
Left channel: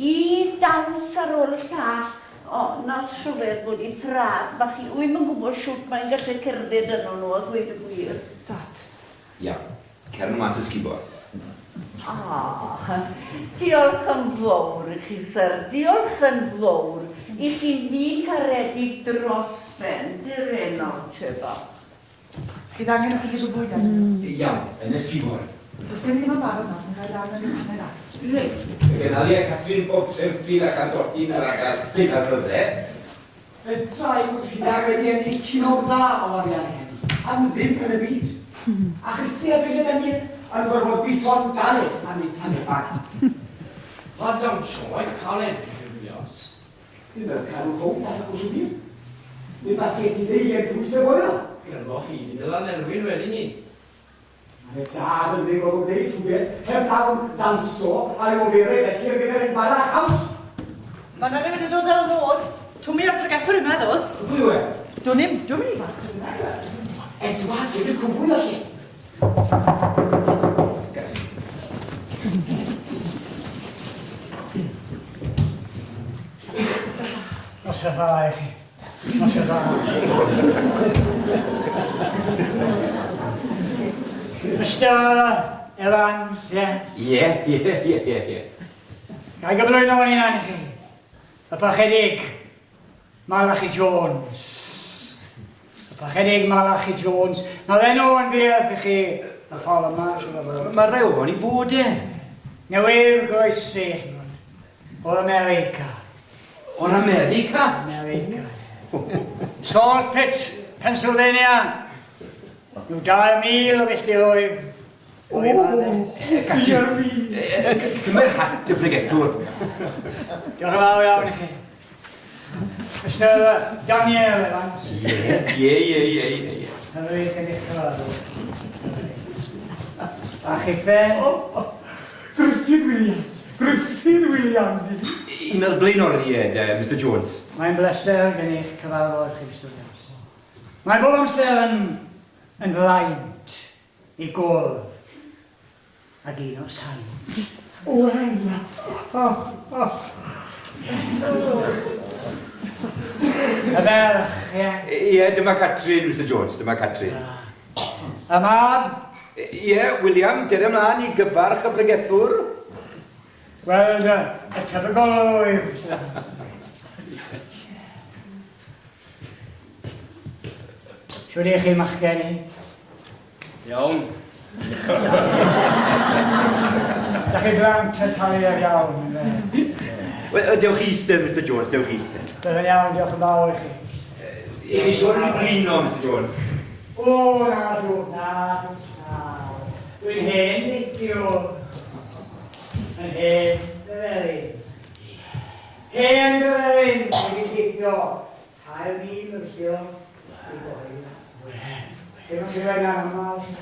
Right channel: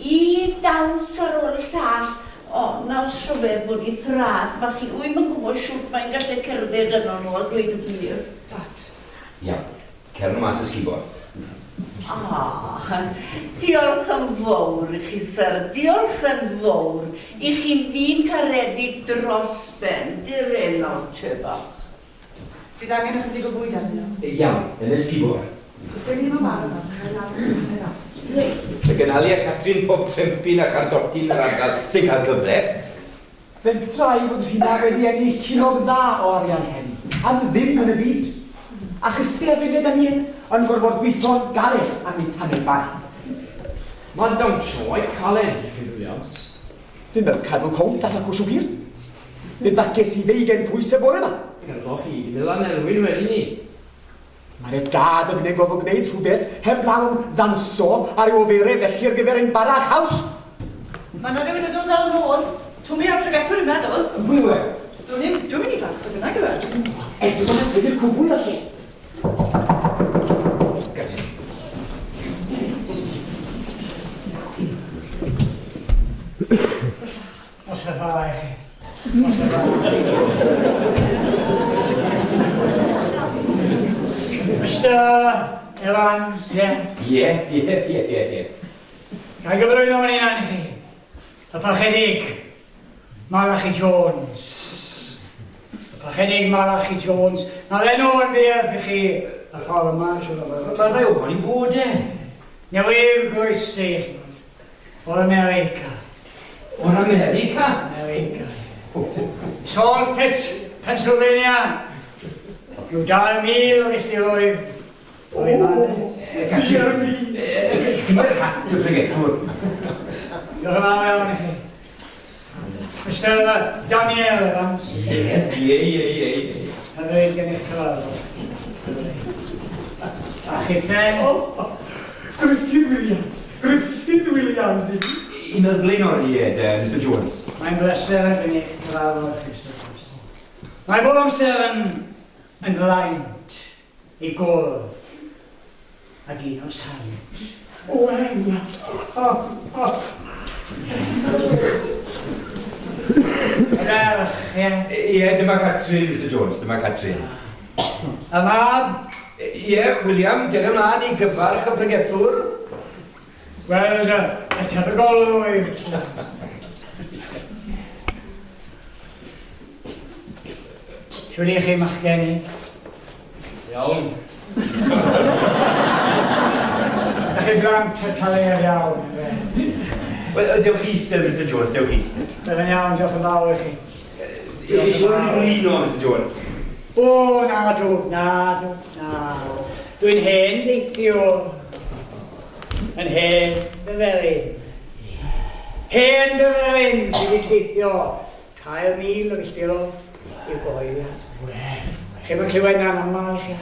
I dawns ar ôl llall. O, naws rhyfedd bod I thrad bach chi. Wy'n gwybod siwt mae'n gallu cerdded yno nhw a dweud y gwir. Dat. Ia, cer nhw mas ysgubo. Diolch yn fawr I chi, syr. Diolch yn fawr I chi'n ddyn caredig dros ben. Di'r enw, Trefo. Fydd angen ychydig o bwyd arnyn nhw. Iawn, yn ysgubo. Does dim ddim yn barod yna. Reit. Mae gynnalu a Catrin pob trempin a chantotyn yr ardal sy'n cael gyfer. Fe'n trai bod hynna wedi ennill cino dda o arian hen. Am ddim yn y byd. A chystau fi gyda ni yn gorfod gweithio'n galed am ein tanau bach. Mae dawnsio o'i calen, Williams. Fi'n fel cadw cwnt a ffacw siwgr. Fi'n bages I ddeugen pwys y bore yma. cael coffi, i ddylan elwyn wedi ni. Mae'r dad yn unig gofod gwneud rhywbeth heb lawn ddamso ar ei oferedd felly ar gyfer ein barach haws. Mae yna rhywun yn dod ar ôl. Twmi ar pregethwr yn meddwl. Pwy yw e? Dwi'n mynd i fan, dwi'n bynnag yw e. Edward, fydd i'r cwbl felly. Gati. Os y dda i chi. Os y dda. Mr. Evans, ie? Ie. Gai gyflwyno fan hyn i chi. Y parchedig, Malachi Jones. Y parchedig Malachi Jones. Mae'r enw yn beth i chi y ffordd yma, siwr. Mae'n rhaid o fan i fod e. Newydd groesi o'r America. O'r America? America. Salt Pit, Pennsylvania. Rhyw 2,000 o filltiroedd. O'i fan. Mae'r hat y bregethwr. Diolch yn fawr iawn i chi. Mr. Daniel Evans. Ie. Hynny gen eich cyfarfod. A chi fe? Ruffydd Williams. Un o'r blaenoriaid, Mr Jones. Mae'n bleser gen eich cyfarfod chi, Mr. Jones. Mae bob amser yn blaent i gwrdd ag un o'r sain. O, enw. Y ferch, ie. Ie, dyma Catrin, Mr Jones, dyma Catrin. Y mab? Ie, William, dyn ymlaen i gyfarch y bregethwr. Wel, y tebygol o yw. Siwr i chi machgen i? Iawn. Da chi blant y talu ar iawn, ynddo? Wel, dewch eistedd, Mr Jones, dewch eistedd. Byddai'n iawn, diolch yn fawr i chi. I chi siwr yn blino, Mr Jones? O, na. Dwi'n hen deithio. Yn hen dy felyn. Hen dy felyn, dwi'n teithio. 2,000 o filltiro i'w gyhoeddi. Chi bod clywed na'n yma i chi?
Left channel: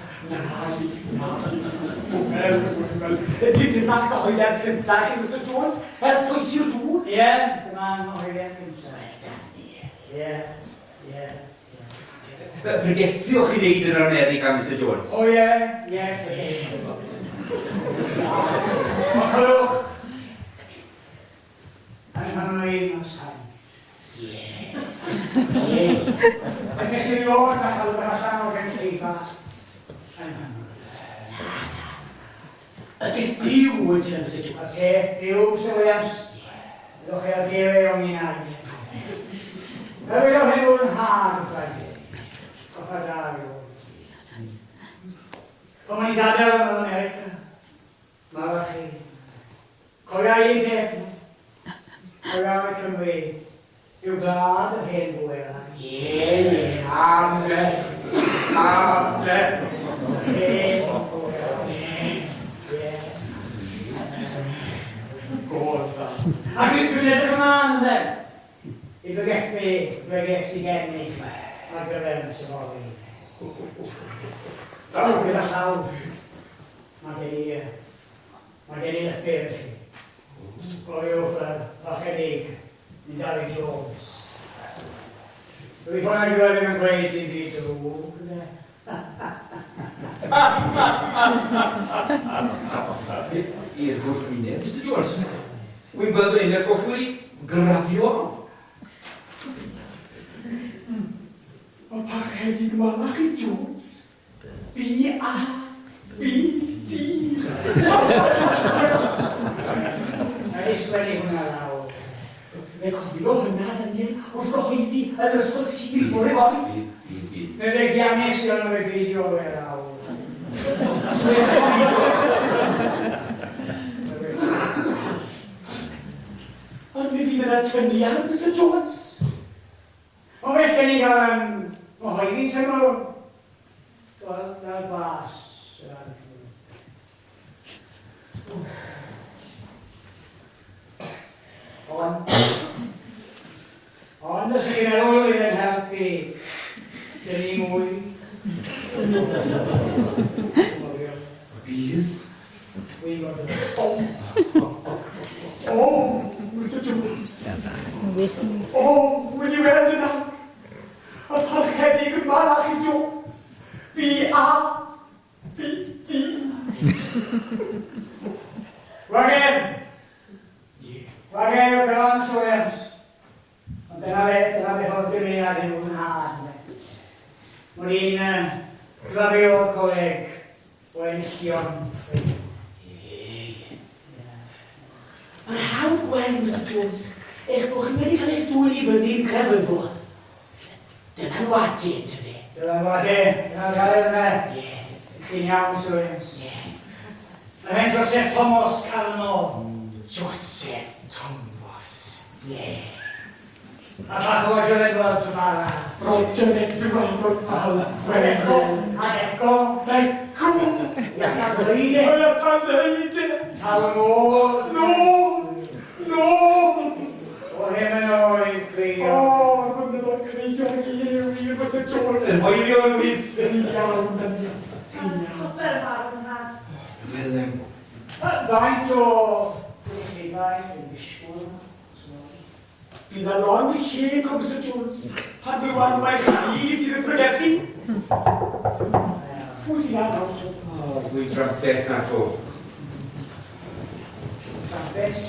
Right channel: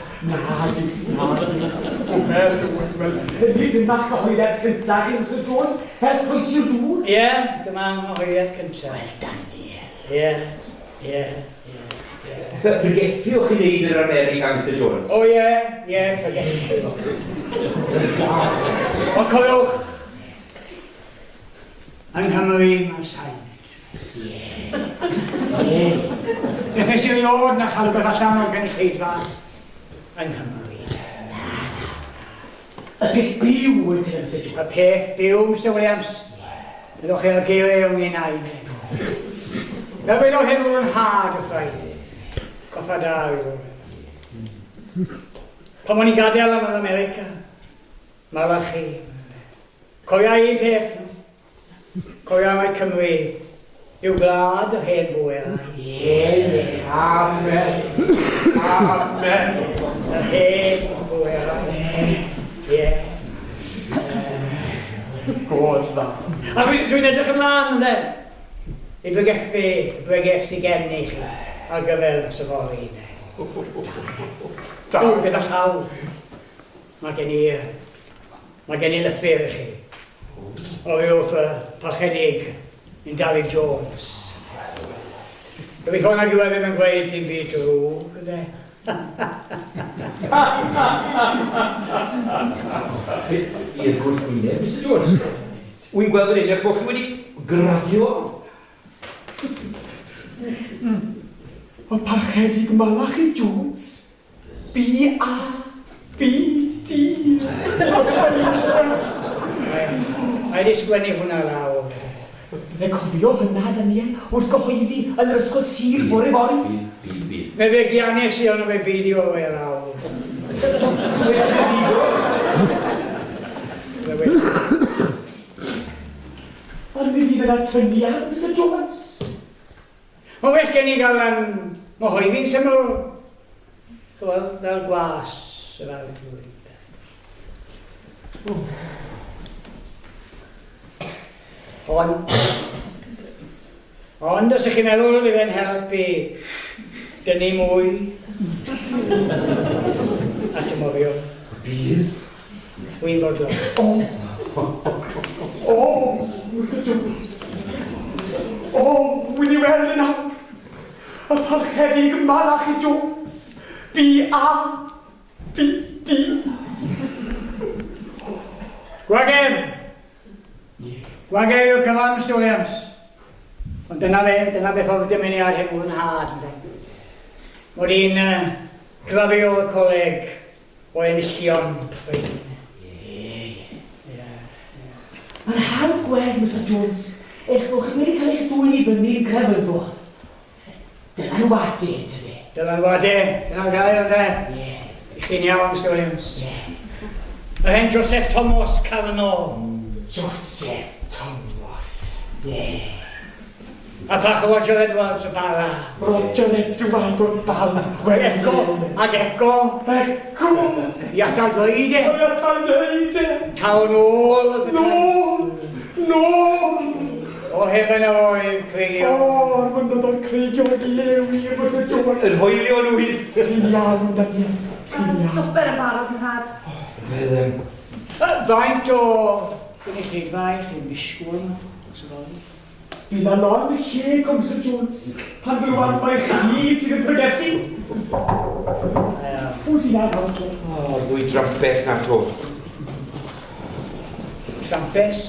Nid yw'n bach gyhoeddiad cyntaf chi, Mr Jones, ers bwysio dŵr? Ie, dyma'n gyhoeddiad cyntaf. Ie. Pregethiwch i wneud yn America, Mr Jones? O ie, ffyrgethiwch. O coelwch, yng Nghymru mae'r saint. Ie. Nes i ddod na chael rhywbeth allan o'r gynulleidfa yng Nghymru. Y peth byw ydyn, Mr Jones. Y peth byw, Mr Williams. Ydwch chi ar geiriau o'n i'n aid. Fel wedodd hyn bod yn had o ffraid. Coffa da yw. Pan o'n i gadael yn America, Malachi. Cofia un peth. Cofia mae Cymru yw glad o hen bwyr. Ie. Amen. Y hen bwyr. Ie. God fa. A dwi'n edrych ymlaen, ynddo? I bregeth sy'n gen i chi ar gyfer safori. Gyda llaw. Mae gen i lythyr i chi. O wrth y parchedig yn David Jones. Gobeithio na gyfer ddim yn gweud ti'n byd drwg, ynddo? I'r gwrthwyneb, Mr Jones. Wy'n gweld yn unig bod chi wedi graddio. Ond parchedig Malachi Jones, B-A-B-D. Mae wedi sgwennu hwnna lawr. Fe cofio hynna, Daniel, wrth gyhoeddi yn yr ysgol sir bore fory. Bydd. Fe fe giannes i ond fe beidio o fe lawr. Ond mi fydd yna tyniad, Mr Jones. O well gen i gael mohoeddi'n syml, fel glas yr arglwydd. Ond os ych chi'n meddwl fydd e'n helpu Dynnu mwy. Dyma fi o. Bydd. Dwi'n bodlon. Mr Jones. Wy'n i weld yna. Y parchedig Malach i Jones. B-A-B-D. Gwagedd! Gwagedd yw'r cyfan, Mr Williams. Ond dyna fe ffordd dymuniad hyn fwy'n had. Mod i'n cyfafu o'r coleg o enillion. Mae'n hawdd gweld, Mr Jones, eich bod chi'n mynd i cael eich dwy'n i fyny'n crefyddol. Dyna'n wadu, tyfu. Dyna'n wadu, dyna'n gael yna. I chi'n iawn, Mr Williams. Y hen Joseph Thomas Cavanaugh. Joseph Thomas. A pach o Roger Edwards o Bala. Roger Edwards o Bala. Eco, ag Eco. Iata Gleide. Iata Gleide. Town Hall. No. O hefen o'i creigio. Mae'n dod o'n creigio ag lewi, Mr Jones. Yn hoelio nhw wyth. Chi'n iawn, Dani. Swper y barod yn had. Faint o gynulleidfaen yn disgwyl yma? Bydd na lond y lle, Mr Jones. Pan glywed mae chi sydd yn pregethu. Pwy sy'n ad am to? Fwy drampes na to. Trampes?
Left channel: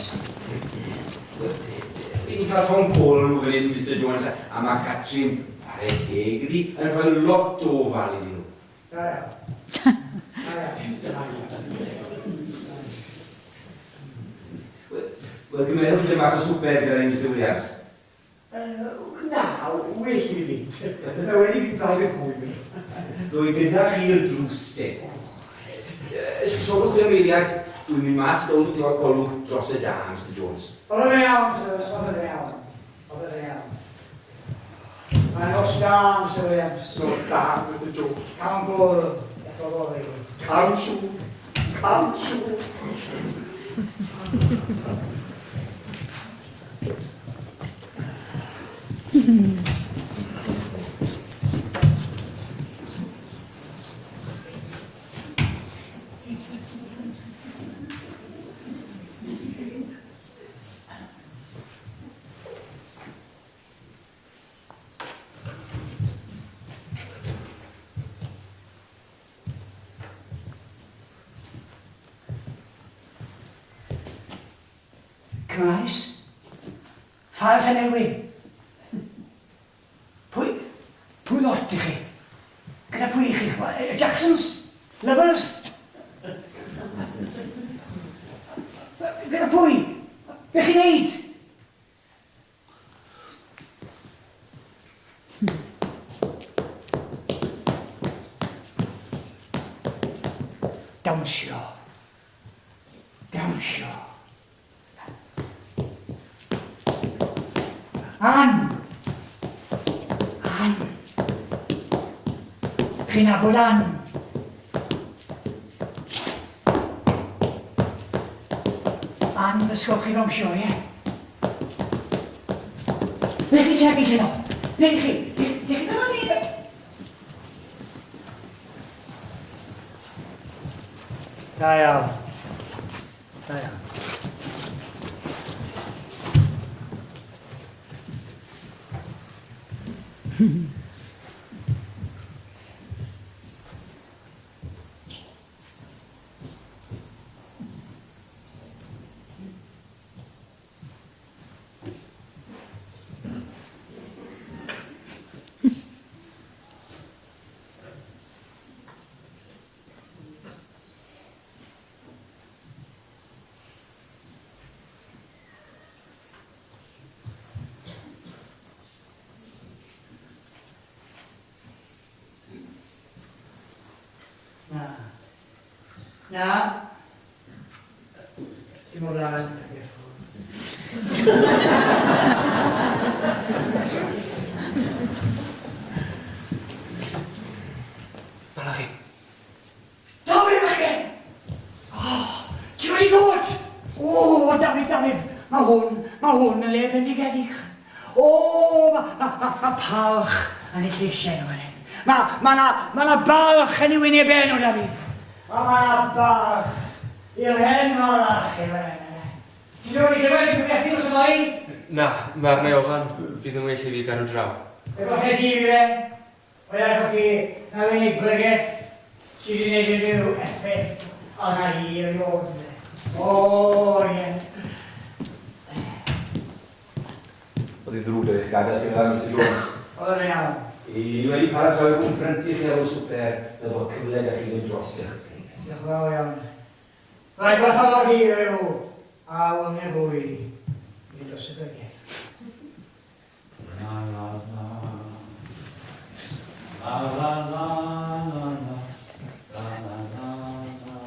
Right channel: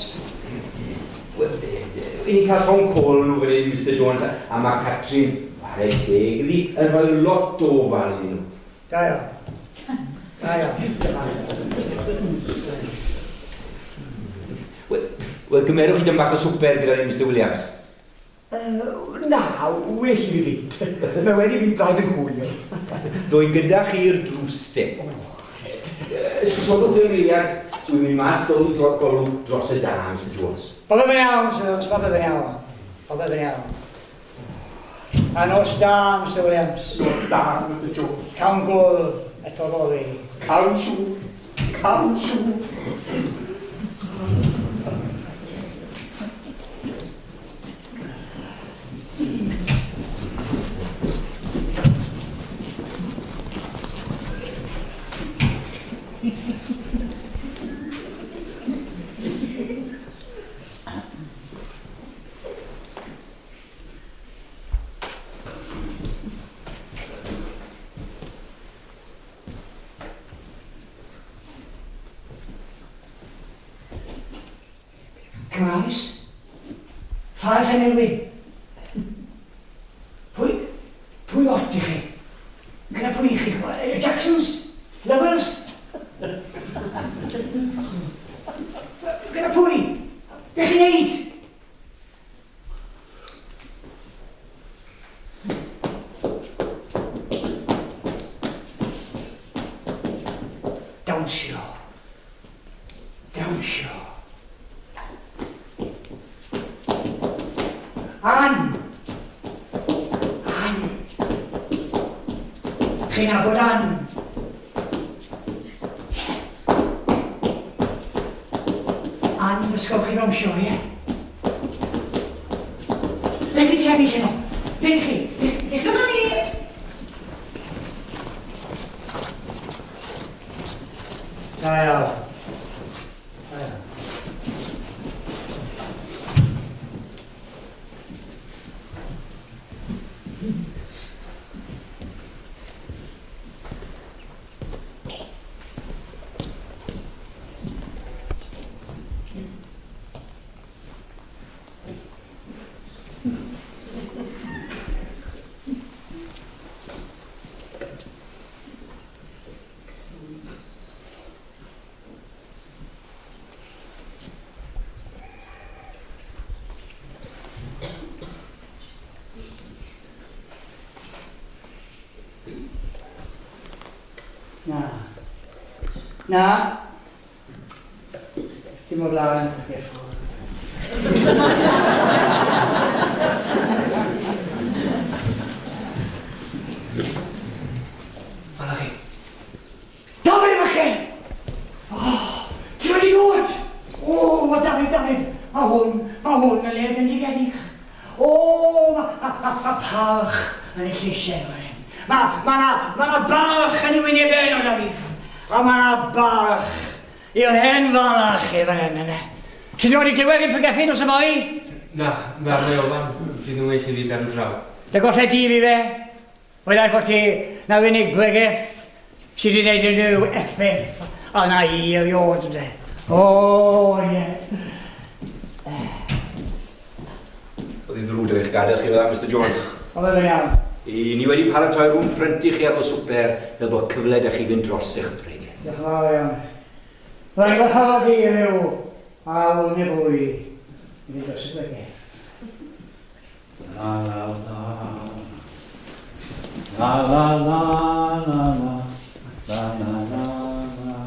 Wy'n i cael Tom Cole wedyn, Mr Jones, a mae Catrin ar ei teg iddi yn rhoi lot o ofal iddyn nhw. Da iawn. Wel, gymerwch chi dim bach o swper gyda ni, Mr Williams. Na, well i fi fynd. Mae wedi fi'n blaen yn hwyl. Dwy gyda chi'r drws te. Sgwsodwch chi'r meiliad, dwi'n mynd mas golwg dros y dan, Mr Jones. Oedd e'n iawn, Sir, os oedd e'n iawn. Oedd e'n iawn. A nos da, Mr Williams. Nos da, Mr Jones. Cawn gwrdd eto fori. Cawn siw. Crais? Ffardd Henewyn? Pwy lot i chi? Gyda pwy i chi? Jacksons? Lovers? Gyda pwy? Be chi'n neud? Dawnsio. Ann! Chi'n abod Ann? Ann, ysgol chi'n omsio, ie? Ble chi sefyll yno? Ble chi? Dyma ni! Da iawn. Na. Dim o blaen. Bala chi. Dafydd falle! Ti wedi dod? Dafydd. Mae hwn yn le bendigedig. Mae palch yn ei lleisiau yma. Ma' 'na balch yn y wynebau yn o da fi. A ma' 'na balch i'r hen falach i fan hyn yna. Ti'n wedi glywed fi Pregethwr dros y foi? Na, mae'r reolfan bydd yn well i fi ben draw. Dy golla di fi fe? Wyddai bod ti na unig bregeth sydd wedi gwneud unrhyw effaith arna i erioed yde. O, ie. Oedd hi'n ddrwg eich gadael chi fydda, Mr Jones. Oedd yn iawn. Ni wedi paratoi rhwng ffrynti chi ar ôl swper fel bod cyfle da chi fynd dros eich brenig. Diolch yn fawr iawn. Rwy'n gwerthfawrogi yw a wylni fwy i dros y bregeth. La la la. La la la la la. La la la la.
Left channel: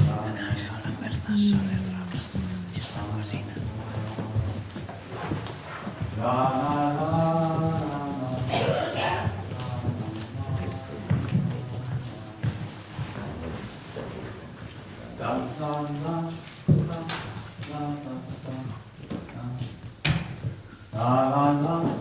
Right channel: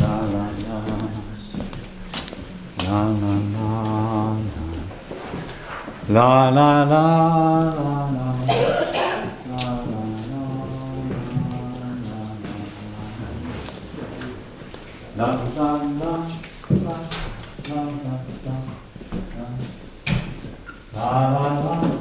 La la la. La la la. La la la la. La la la la.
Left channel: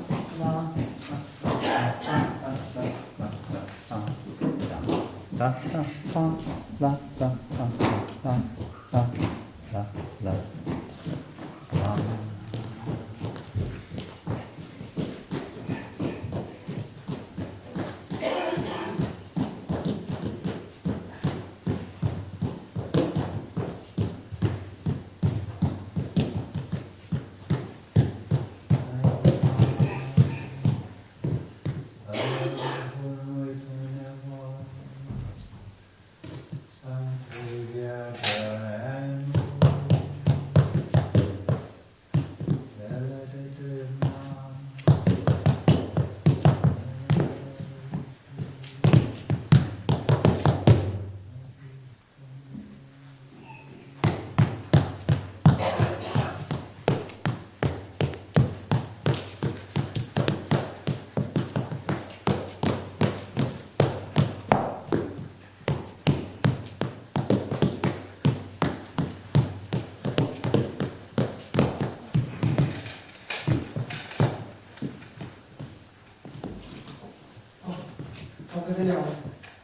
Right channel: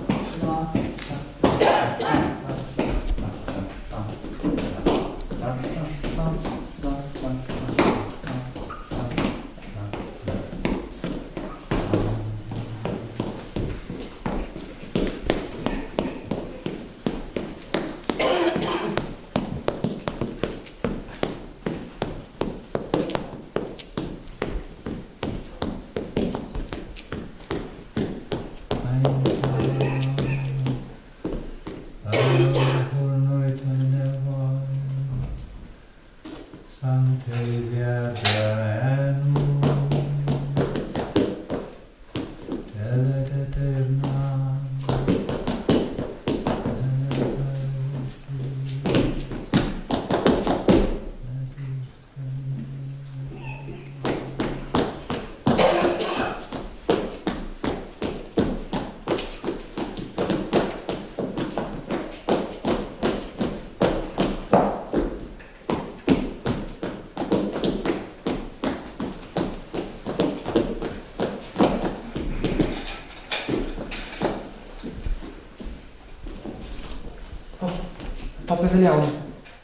Popeth yn iawn.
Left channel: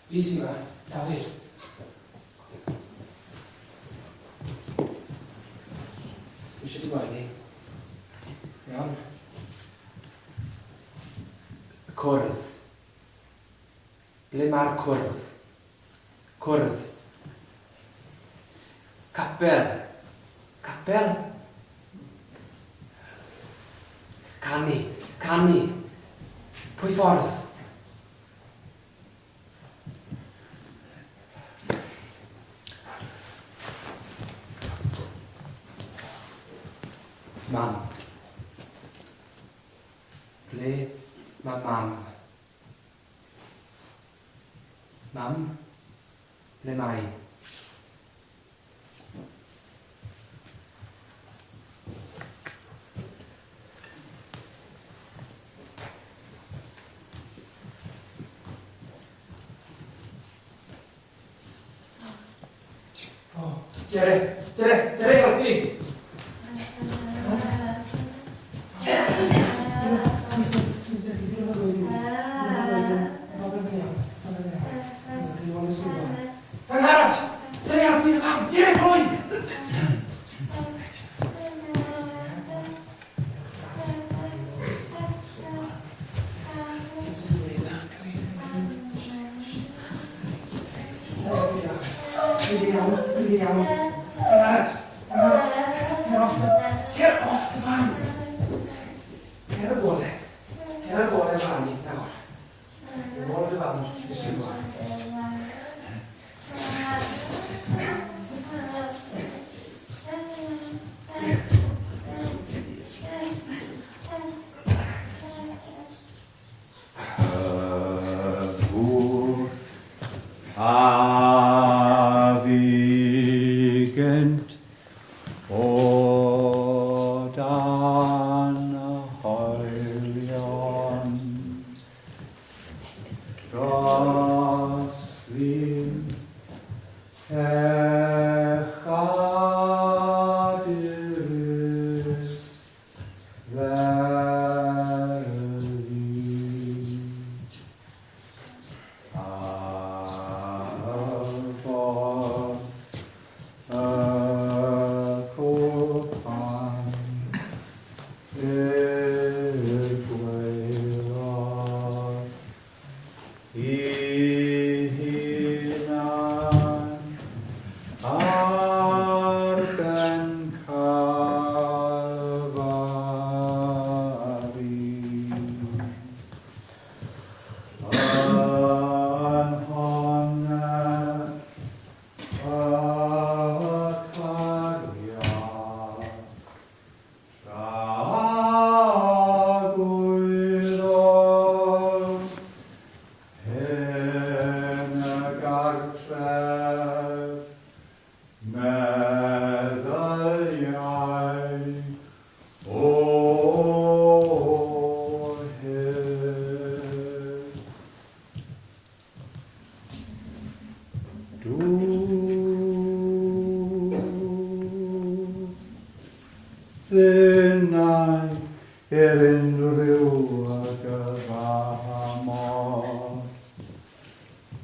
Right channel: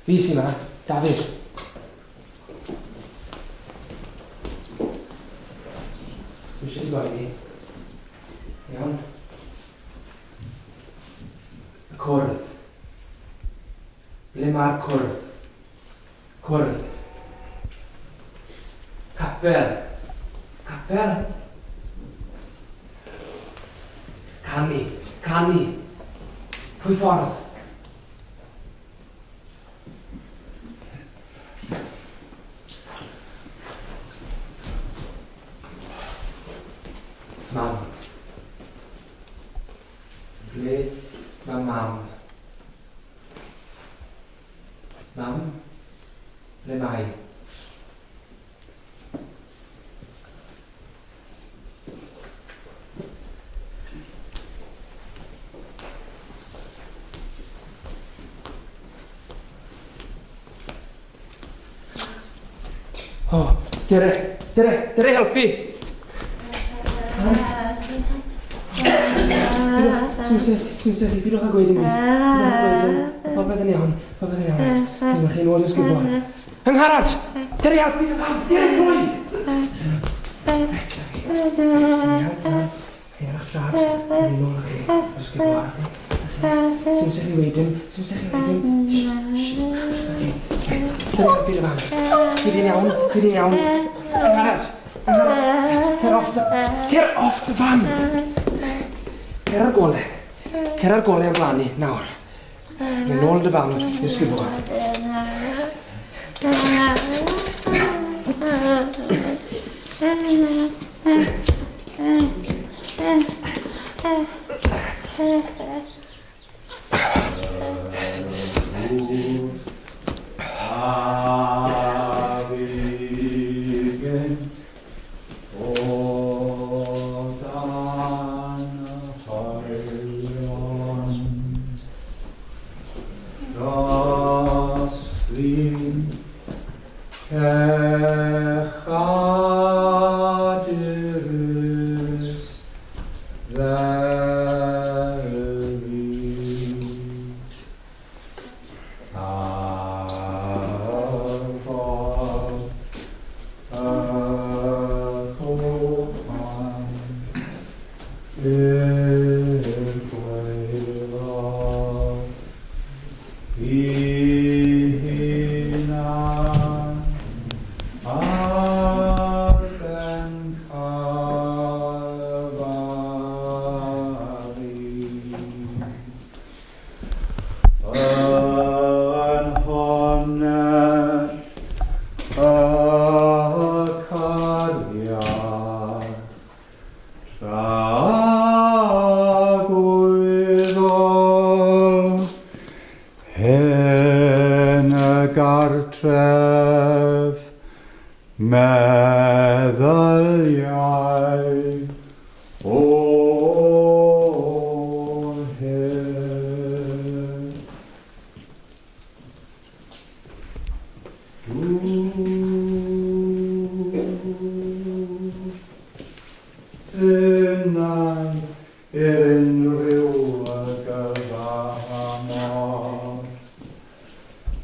Fi sy'n yma, Dafydd. Swn eisiau di gwaed i. Iawn. Y cwrdd. Ble mae'r cwrdd? Cwrdd. Capel. Capel. Canu. Canu. Pwy ffordd? Mam. Ble mae mam? Mam? Ble mae? Oh, Dere helpu! Swn byd o'ch a gweud i mi. Popeth yn iawn. Dwi'n chi'n oed yn sgwybod. Angharad! Dere helpu mi, mam! Dere, boi! Eich trad. Dwi'n oed chi. Ysgwybod. Swn chi wedyn. Dere helpu mi, mam. Dwi'n iawn. Angharad! Cer off the van! Cer ar gole. Cer ar gole yn flannu, nawr. Mae'n ôl dy fan, i'r sgwybod. Hen y gartref, meddyliau o hen. Dyna unrhyw y gyfamod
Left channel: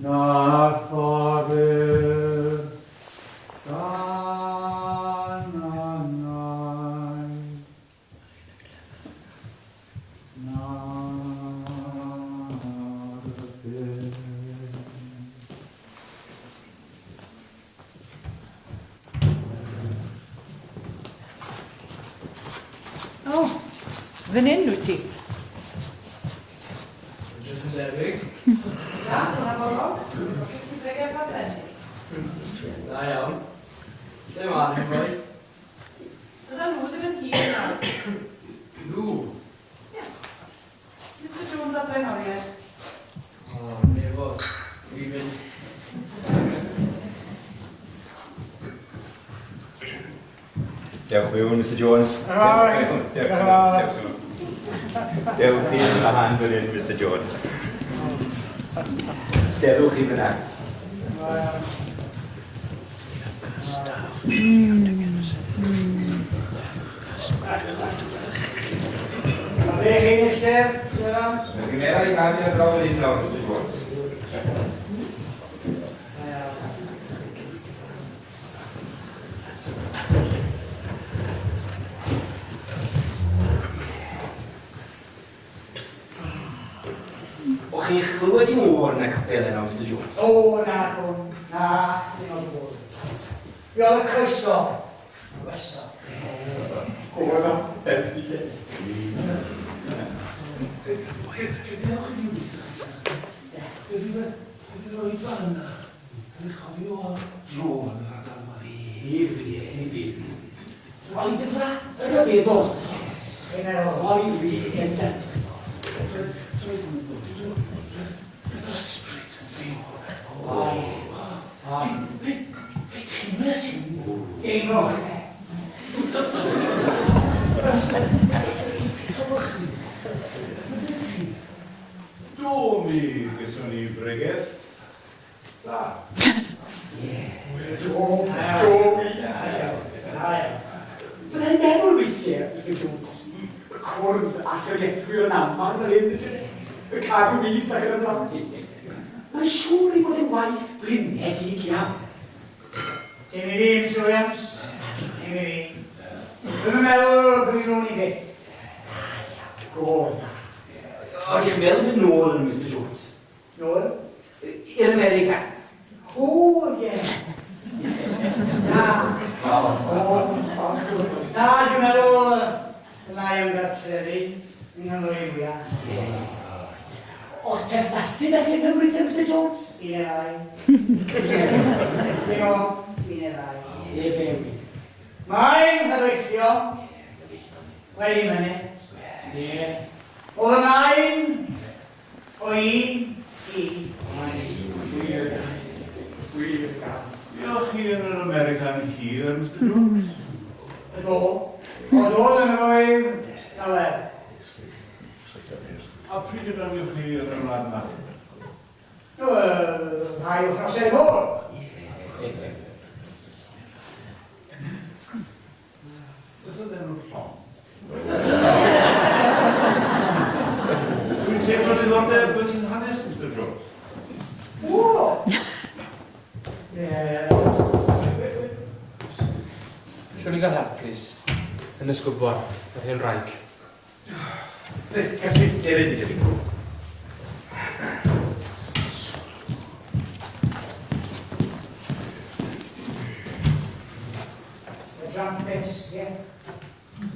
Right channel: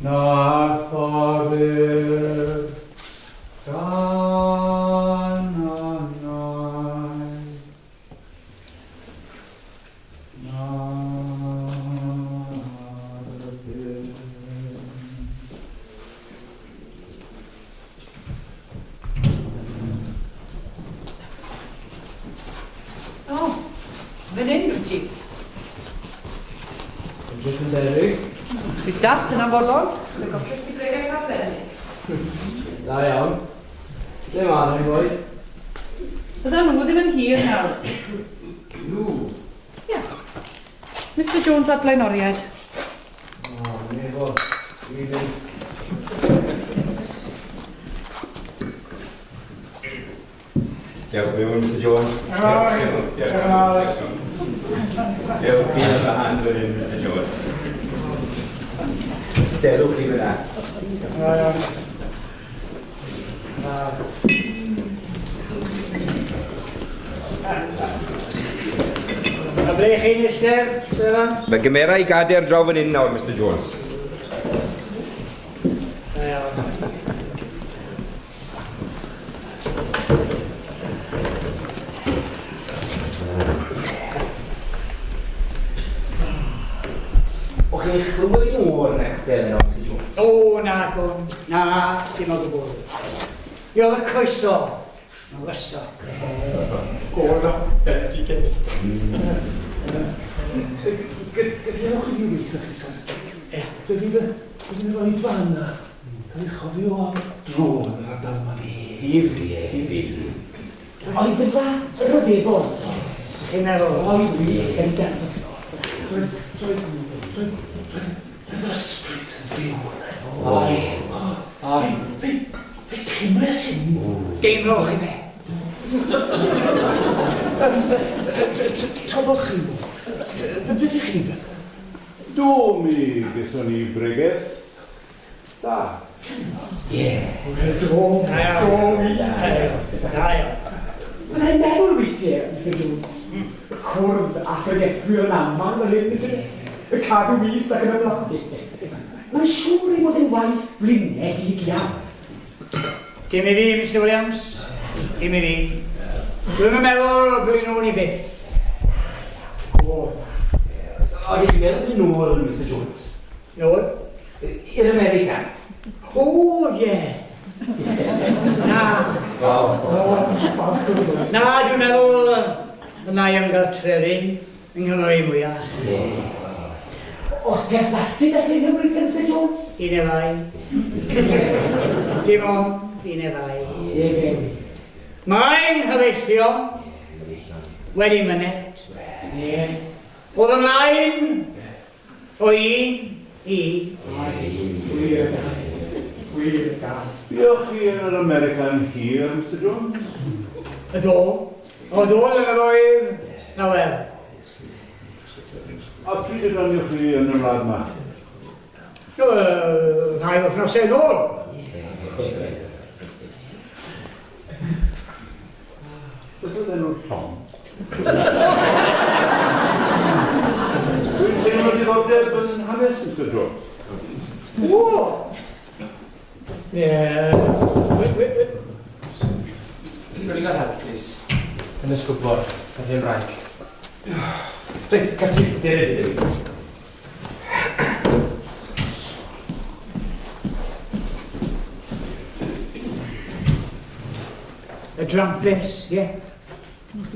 na thorir gan anau na ddyn. O, fan hyn wyt ti. Rydych yn debyg. Bydd dat yn amolol. Da iawn. Ble ma'n ei boi? Bydda nhw ddim yn hir nawr. Nhw. Mr Jones a blaenoriaid. O, nefo. Dwi'n mynd. Diolch yn fawr, Mr Jones. Diolch chi yn y hand fan hyn, Mr Jones. Sterwch chi fyna. A ble chi'n eistedd, Dylan? Mae gymera i gadair draw fan hyn nawr, Mr Jones. Da iawn. O'ch chi'n chlywed i môr yn eich bel yna, Mr Jones? O, na, Gwn. Na, dim o gwbl. Io'r croeso. Na, weso. Gôl o bendigedd. Gadewch i fi weithio chi, sir. Fe fydd y roi fan yna. Cael ei chofio dro yn yr ardal yma. Fydd. Oedd y fa ryfeddol. Chi'n meddwl? Oedd fi gen dant. Roedd yr ysbryd yn fyw. Fe teimlo sy'n... Geimlo chi fe. Tobol chi. Beth ydych chi? Do mi gyson ni bregeth. Da. Do mi. Da iawn. Byddai'n meddwl weithiau, Mr Jones, cwrdd a ffyriethwyr yn amman fel hyn ydyn. Y cadw mis ac yn y blaen. Mae'n siŵr i bod yn waith blinedig iawn. Dim i fi, Mr Williams. Dim i fi. Dwi'n meddwl bod nhw'n i byth. Godd. O'n i'n meddwl yn ôl yn Mr Jones. Nôl? I'r America. O, ie. Na. Na, dwi'n meddwl yna i ymgartrefi yng Nghymru mwyaf. Os perthnasyd â hyn ymwneud, Mr Jones? Un efai. Dim ond, un efai. Mae'n hyfeillio wedi mynet. Oedd ymlaen o un i. Wir gael. Diolch chi yn yr American hir, Mr Jones. Y do. O dod yn yr oedd lawer. A pryd ydych chi yn y wlad yma? Rhai wythnosau nôl. Beth oedd enw'r llong? Dwi'n teimlo diddordeb yn hanes, Mr Jones. O! Ie. Llwn i gael help, please. Yn ysgwbor, yn hyn rhaid. Reit, gall i ddeud. Y dramplis, ie.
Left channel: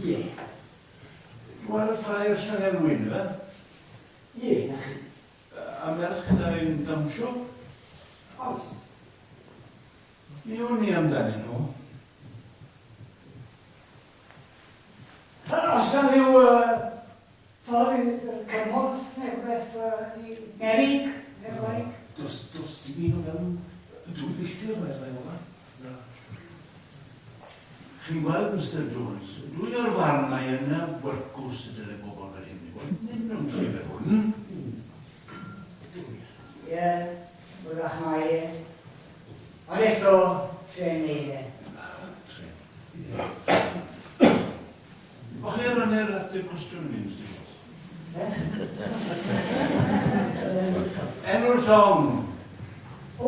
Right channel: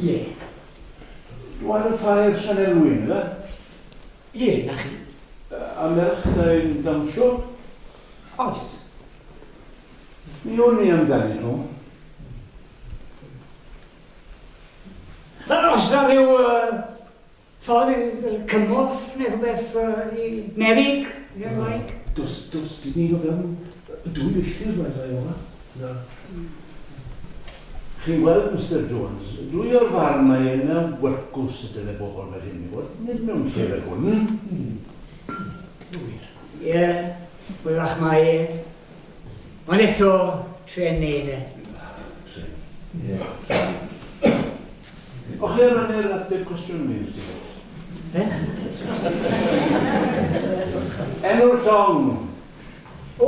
Ie. Dwi'n y ffair Sianel Wyn, yna? Ie, na chi. A merch yn dawnsio? Oes. Mi o'n i amdani nhw. Os na ddiw ffordd cymorth neu rhywbeth i meddyg. dos dim un o fewn dwy filltir mae'n rhaid yma. Na. Chi'n gweld, Mr Jones, dwi o'r farn mae yna wercws y dyle bobl fel hyn i fod. Nid mewn lle fel hwn. Ie, wylach mae e. Ond eto, tre'n neud e. O chi rannu'r ateb cwestiwn mi, Mr Jones? Enw'r llong. O!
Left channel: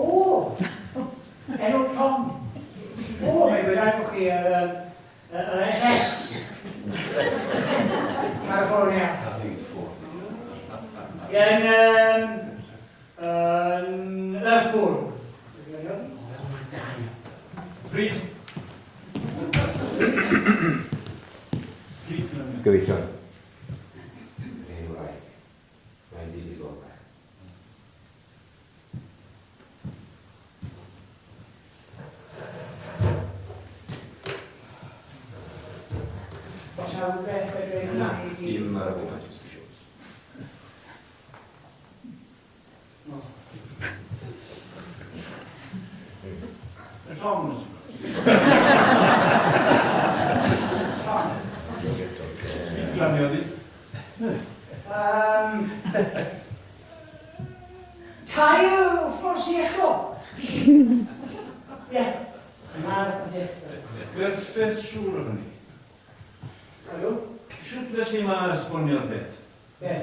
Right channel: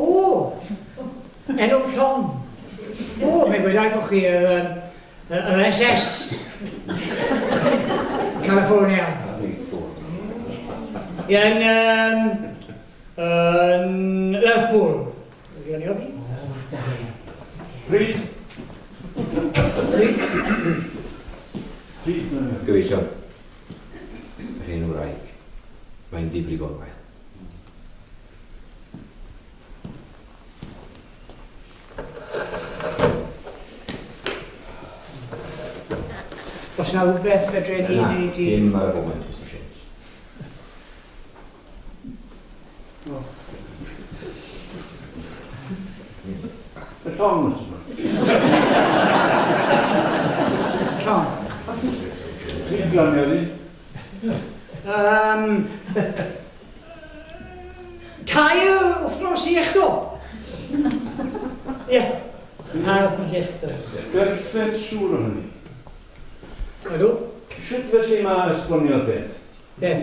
Enw'r llong. O, mae'n gwneud bod chi yr SS California. Yn Lerpwl. Pryd? Gyfeillion. Yr hyn wraig. Mae'n ddifrifol. Os na rhywbeth fedre ni Na, wneud i... dim ar y moment, Mr Jones. Y llong, Mr. Llong. Sy'n glaneddu? Tair wythnos i echo. Ie. Tair wythnos i echo. Berffeth siŵr o hynny. Ydw? Siwt felly mae esbonio'r beth? Ie.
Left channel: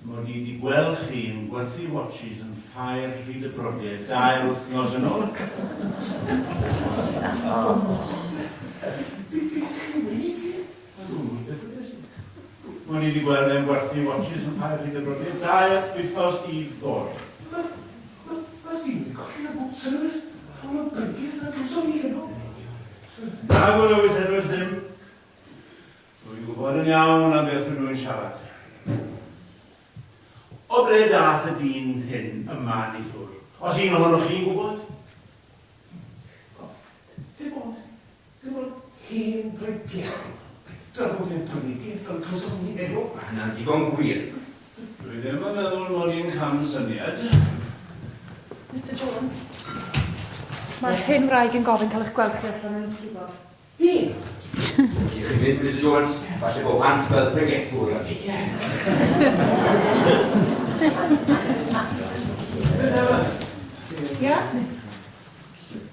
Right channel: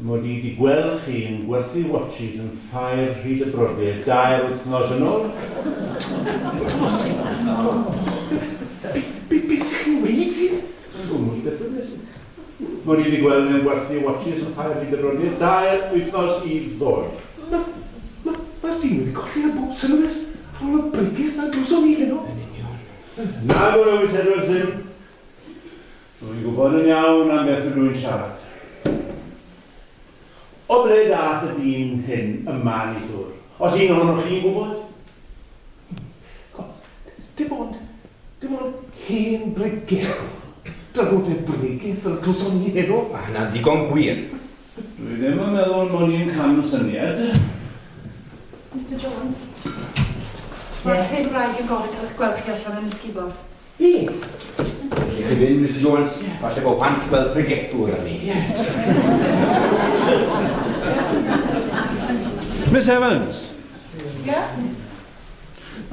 Mod i wedi gweld chi'n gwerthu watches yn ffair rhyd y brodyr 2 wythnos yn ôl. Beth chi'n weid ti? Gwmwys beth yw'n beth. Mod i wedi gweld nhw'n gwerthu watches yn ffair rhyd y brodyr 2 wythnos i ddod. Mae'r dyn wedi colli a bob sylwyd rhwng y brygydd a glwson i heno. Na gwrw wrth edrych ddim. Dwi'n gwybod yn iawn am beth ydw i'n siarad. O ble dath y dyn hyn yma ni ddwr? Os un ohonoch chi'n gwybod? Dim ond hen brygydd. Draddodiad brygydd fel glwson i heno. Mae hynna'n digon gwir. Dwi ddim yn meddwl bod ni'n cam syniad. Mr Jones, mae'r hen wraig yn gofyn cael eich gweld chi allan yn ysgubor. Ie. Felly chi'n mynd, Mr Jones, falle bod pant fel bregethwr yn ni. Miss Evans. Ie?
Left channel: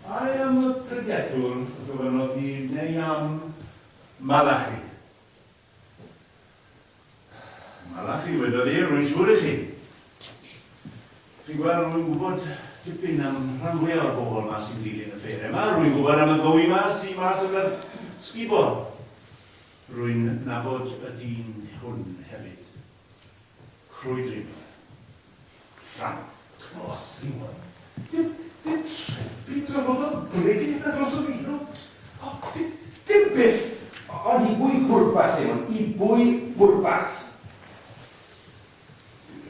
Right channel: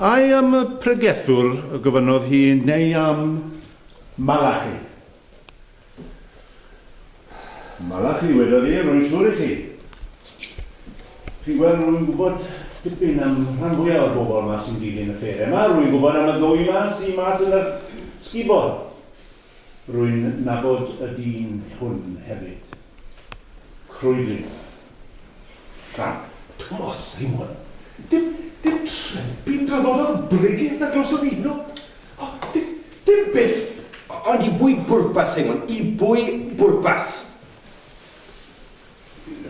I am y pregethwr y gofynodd hi neu am Malachi. Malachi wedodd i, rwy'n siŵr i chi. Chi'n gweld rwy'n gwybod dipyn am rhan fwyaf o'r bobl yma sy'n dilyn y ffeir yma. Rwy'n gwybod am y ddwy yma sy'n mas yn yr sgubor. Rwy'n nabod y dyn hwn hefyd. Crwydri. Llan. Thomas Simon. Dim trebi draddod o'n brygydd a glwson i heno. Dim byth. Ond i bwy bwrpas, Simon, i bwy bwrpas.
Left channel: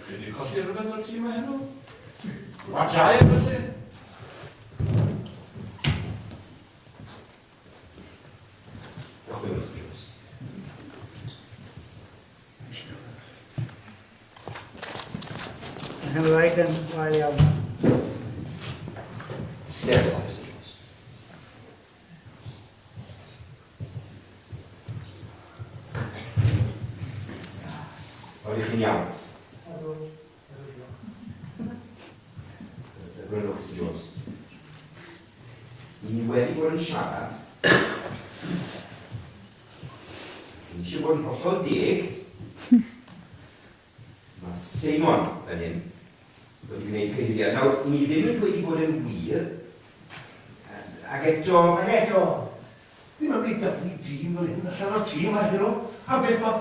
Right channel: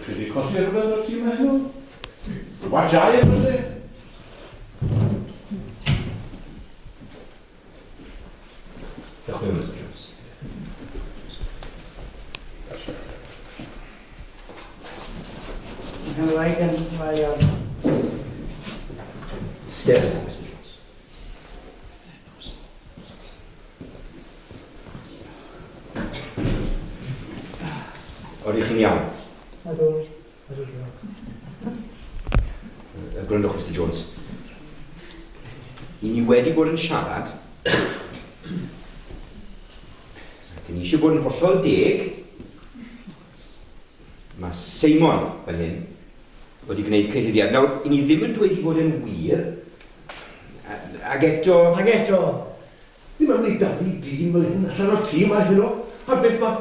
Chi wedi colli rhywbeth o'r tîm heno? Wajau efallai? Diolch yn Mr Jones. Yn rhaid yn rhaid iawn. Ster, Mr Jones. Oeddech chi'n iawn? Ydw. Gwrandwch, Mr Jones. I ni wedi bod yn siarad. Ni eisiau bod yn hollol deg. Mae Simon fel hyn wedi gwneud cyhyddiad. Nawr, i ni ddim yn dweud i fod yn wir. Ag eto... Ag eto. Dim ond ei David dyn fel hyn allan o'r tîm a heno. A beth mae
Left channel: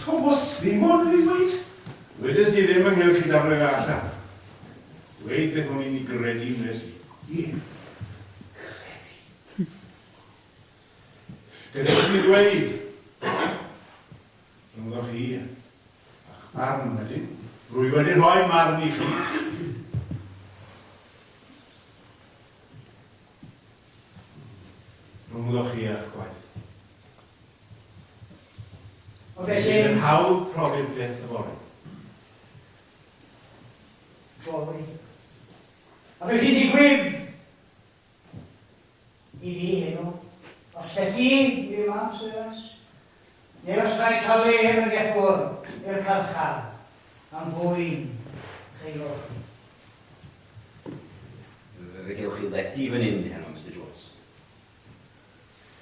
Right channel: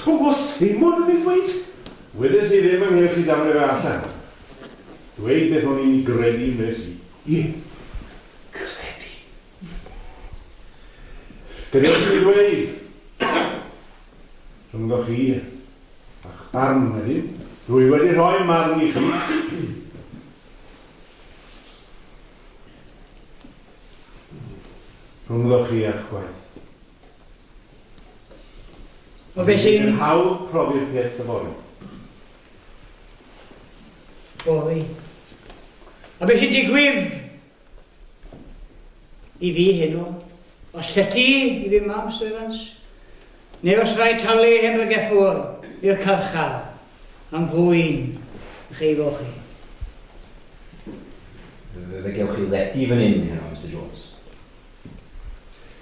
Thomas Simon yn ei ddweud? Wedys i ddim yn hyn chi daflu fe allan. Dweud beth o'n i'n gredu nes i. Ie. Credu. Gyrraedd chi ddweud. Rhyngddo chi a'ch barn wedyn. Dwi wedi rhoi marn i chi. Rhyngddo chi a'ch gwaith. O beth sy'n... Hawdd profi peth y fori. Bori. A beth sy'n digwydd i fi hyn o? Os feti i fi mam, Sir Evans? Neu os rhaid talu ymrygethwr i'r carchar am fwy'n cheifo chi? Fe gewch chi leti fan hyn heno, Mr Jones.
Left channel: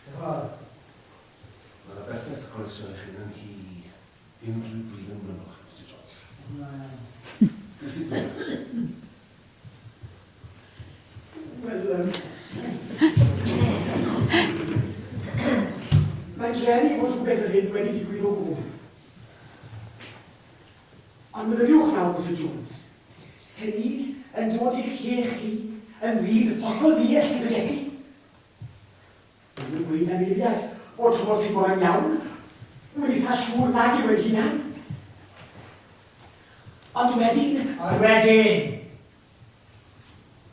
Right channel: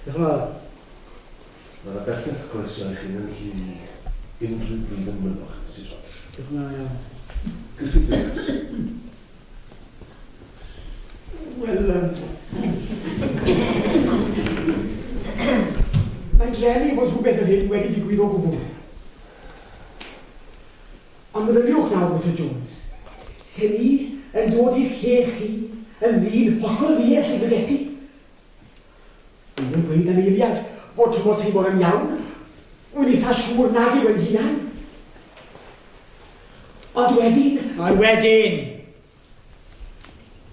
Diolch yn fawr. Mae'na berffaith croeso i chi mewn i unrhyw bryd yn mynoch, Mr Jones. Diolch yn fawr. Griffith Williams. Wel, mae'n drefnu fod rhywbeth yr hyn wedi digwydd o gwbl. Ond meddyliwch nawr, Mr Jones, se ni yn dod i'ch lle chi yn ddyn hollol ddiell i bregethu. Mae'n gweud am eiliad bod Thomas Seymour yn iawn, wy'n eitha siŵr nag yw yn hunan. Ond wedyn...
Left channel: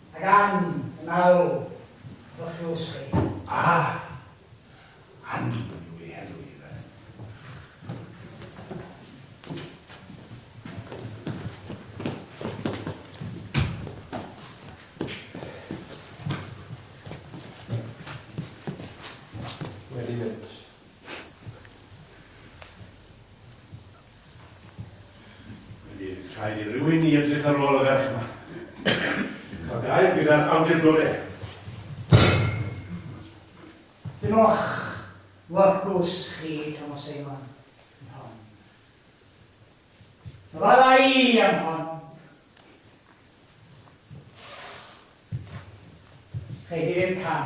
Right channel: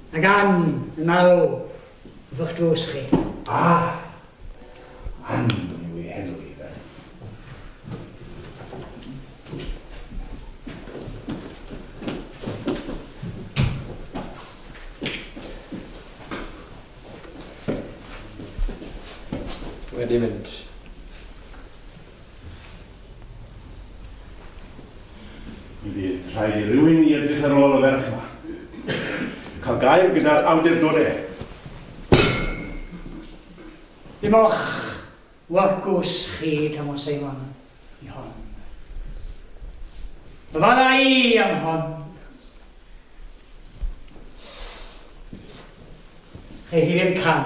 Ag an y marw fych drws chi. An yw ei henw i fe. Wedi mynd. Mi fydd rhaid i rywun i edrych ar ôl y ferch yma. Cael gael gyda'r awdurdodau. Dim o'ch wargws chi, Thomas Seymour, i hon. Fydda i am hon. Chei chi ddim cam.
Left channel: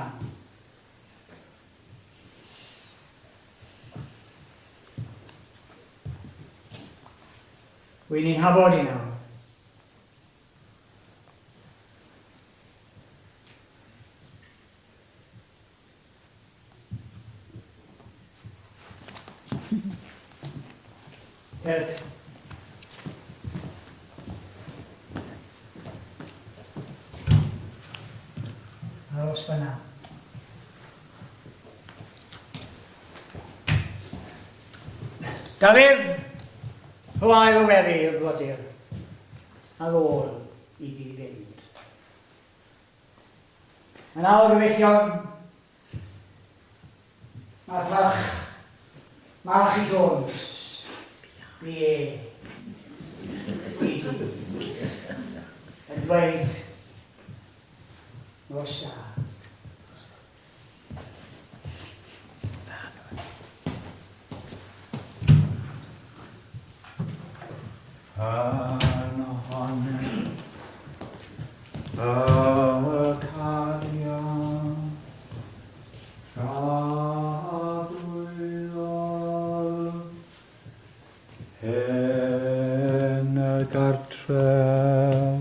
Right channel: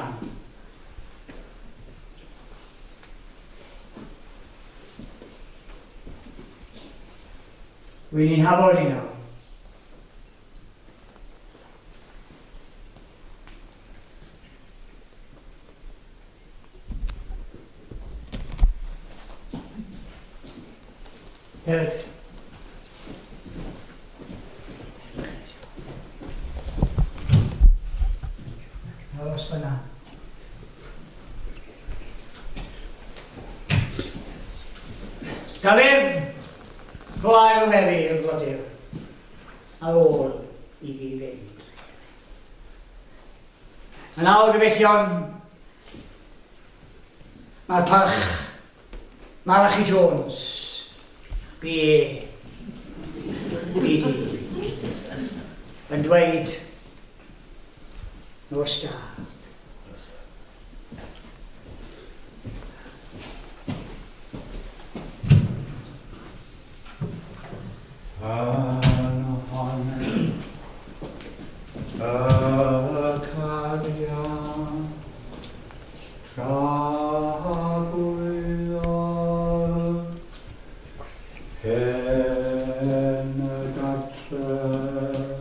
Wy'n ni'n hafod i nawr. Good. Aros fyna. Dafydd, chwaer o meddu i'r brodyr, ar ôl i fi fynd. Yn awr gyfellion, mae'r parch Malachi Jones, B.A. B.D. yn dweud nos da. Yn y gartref,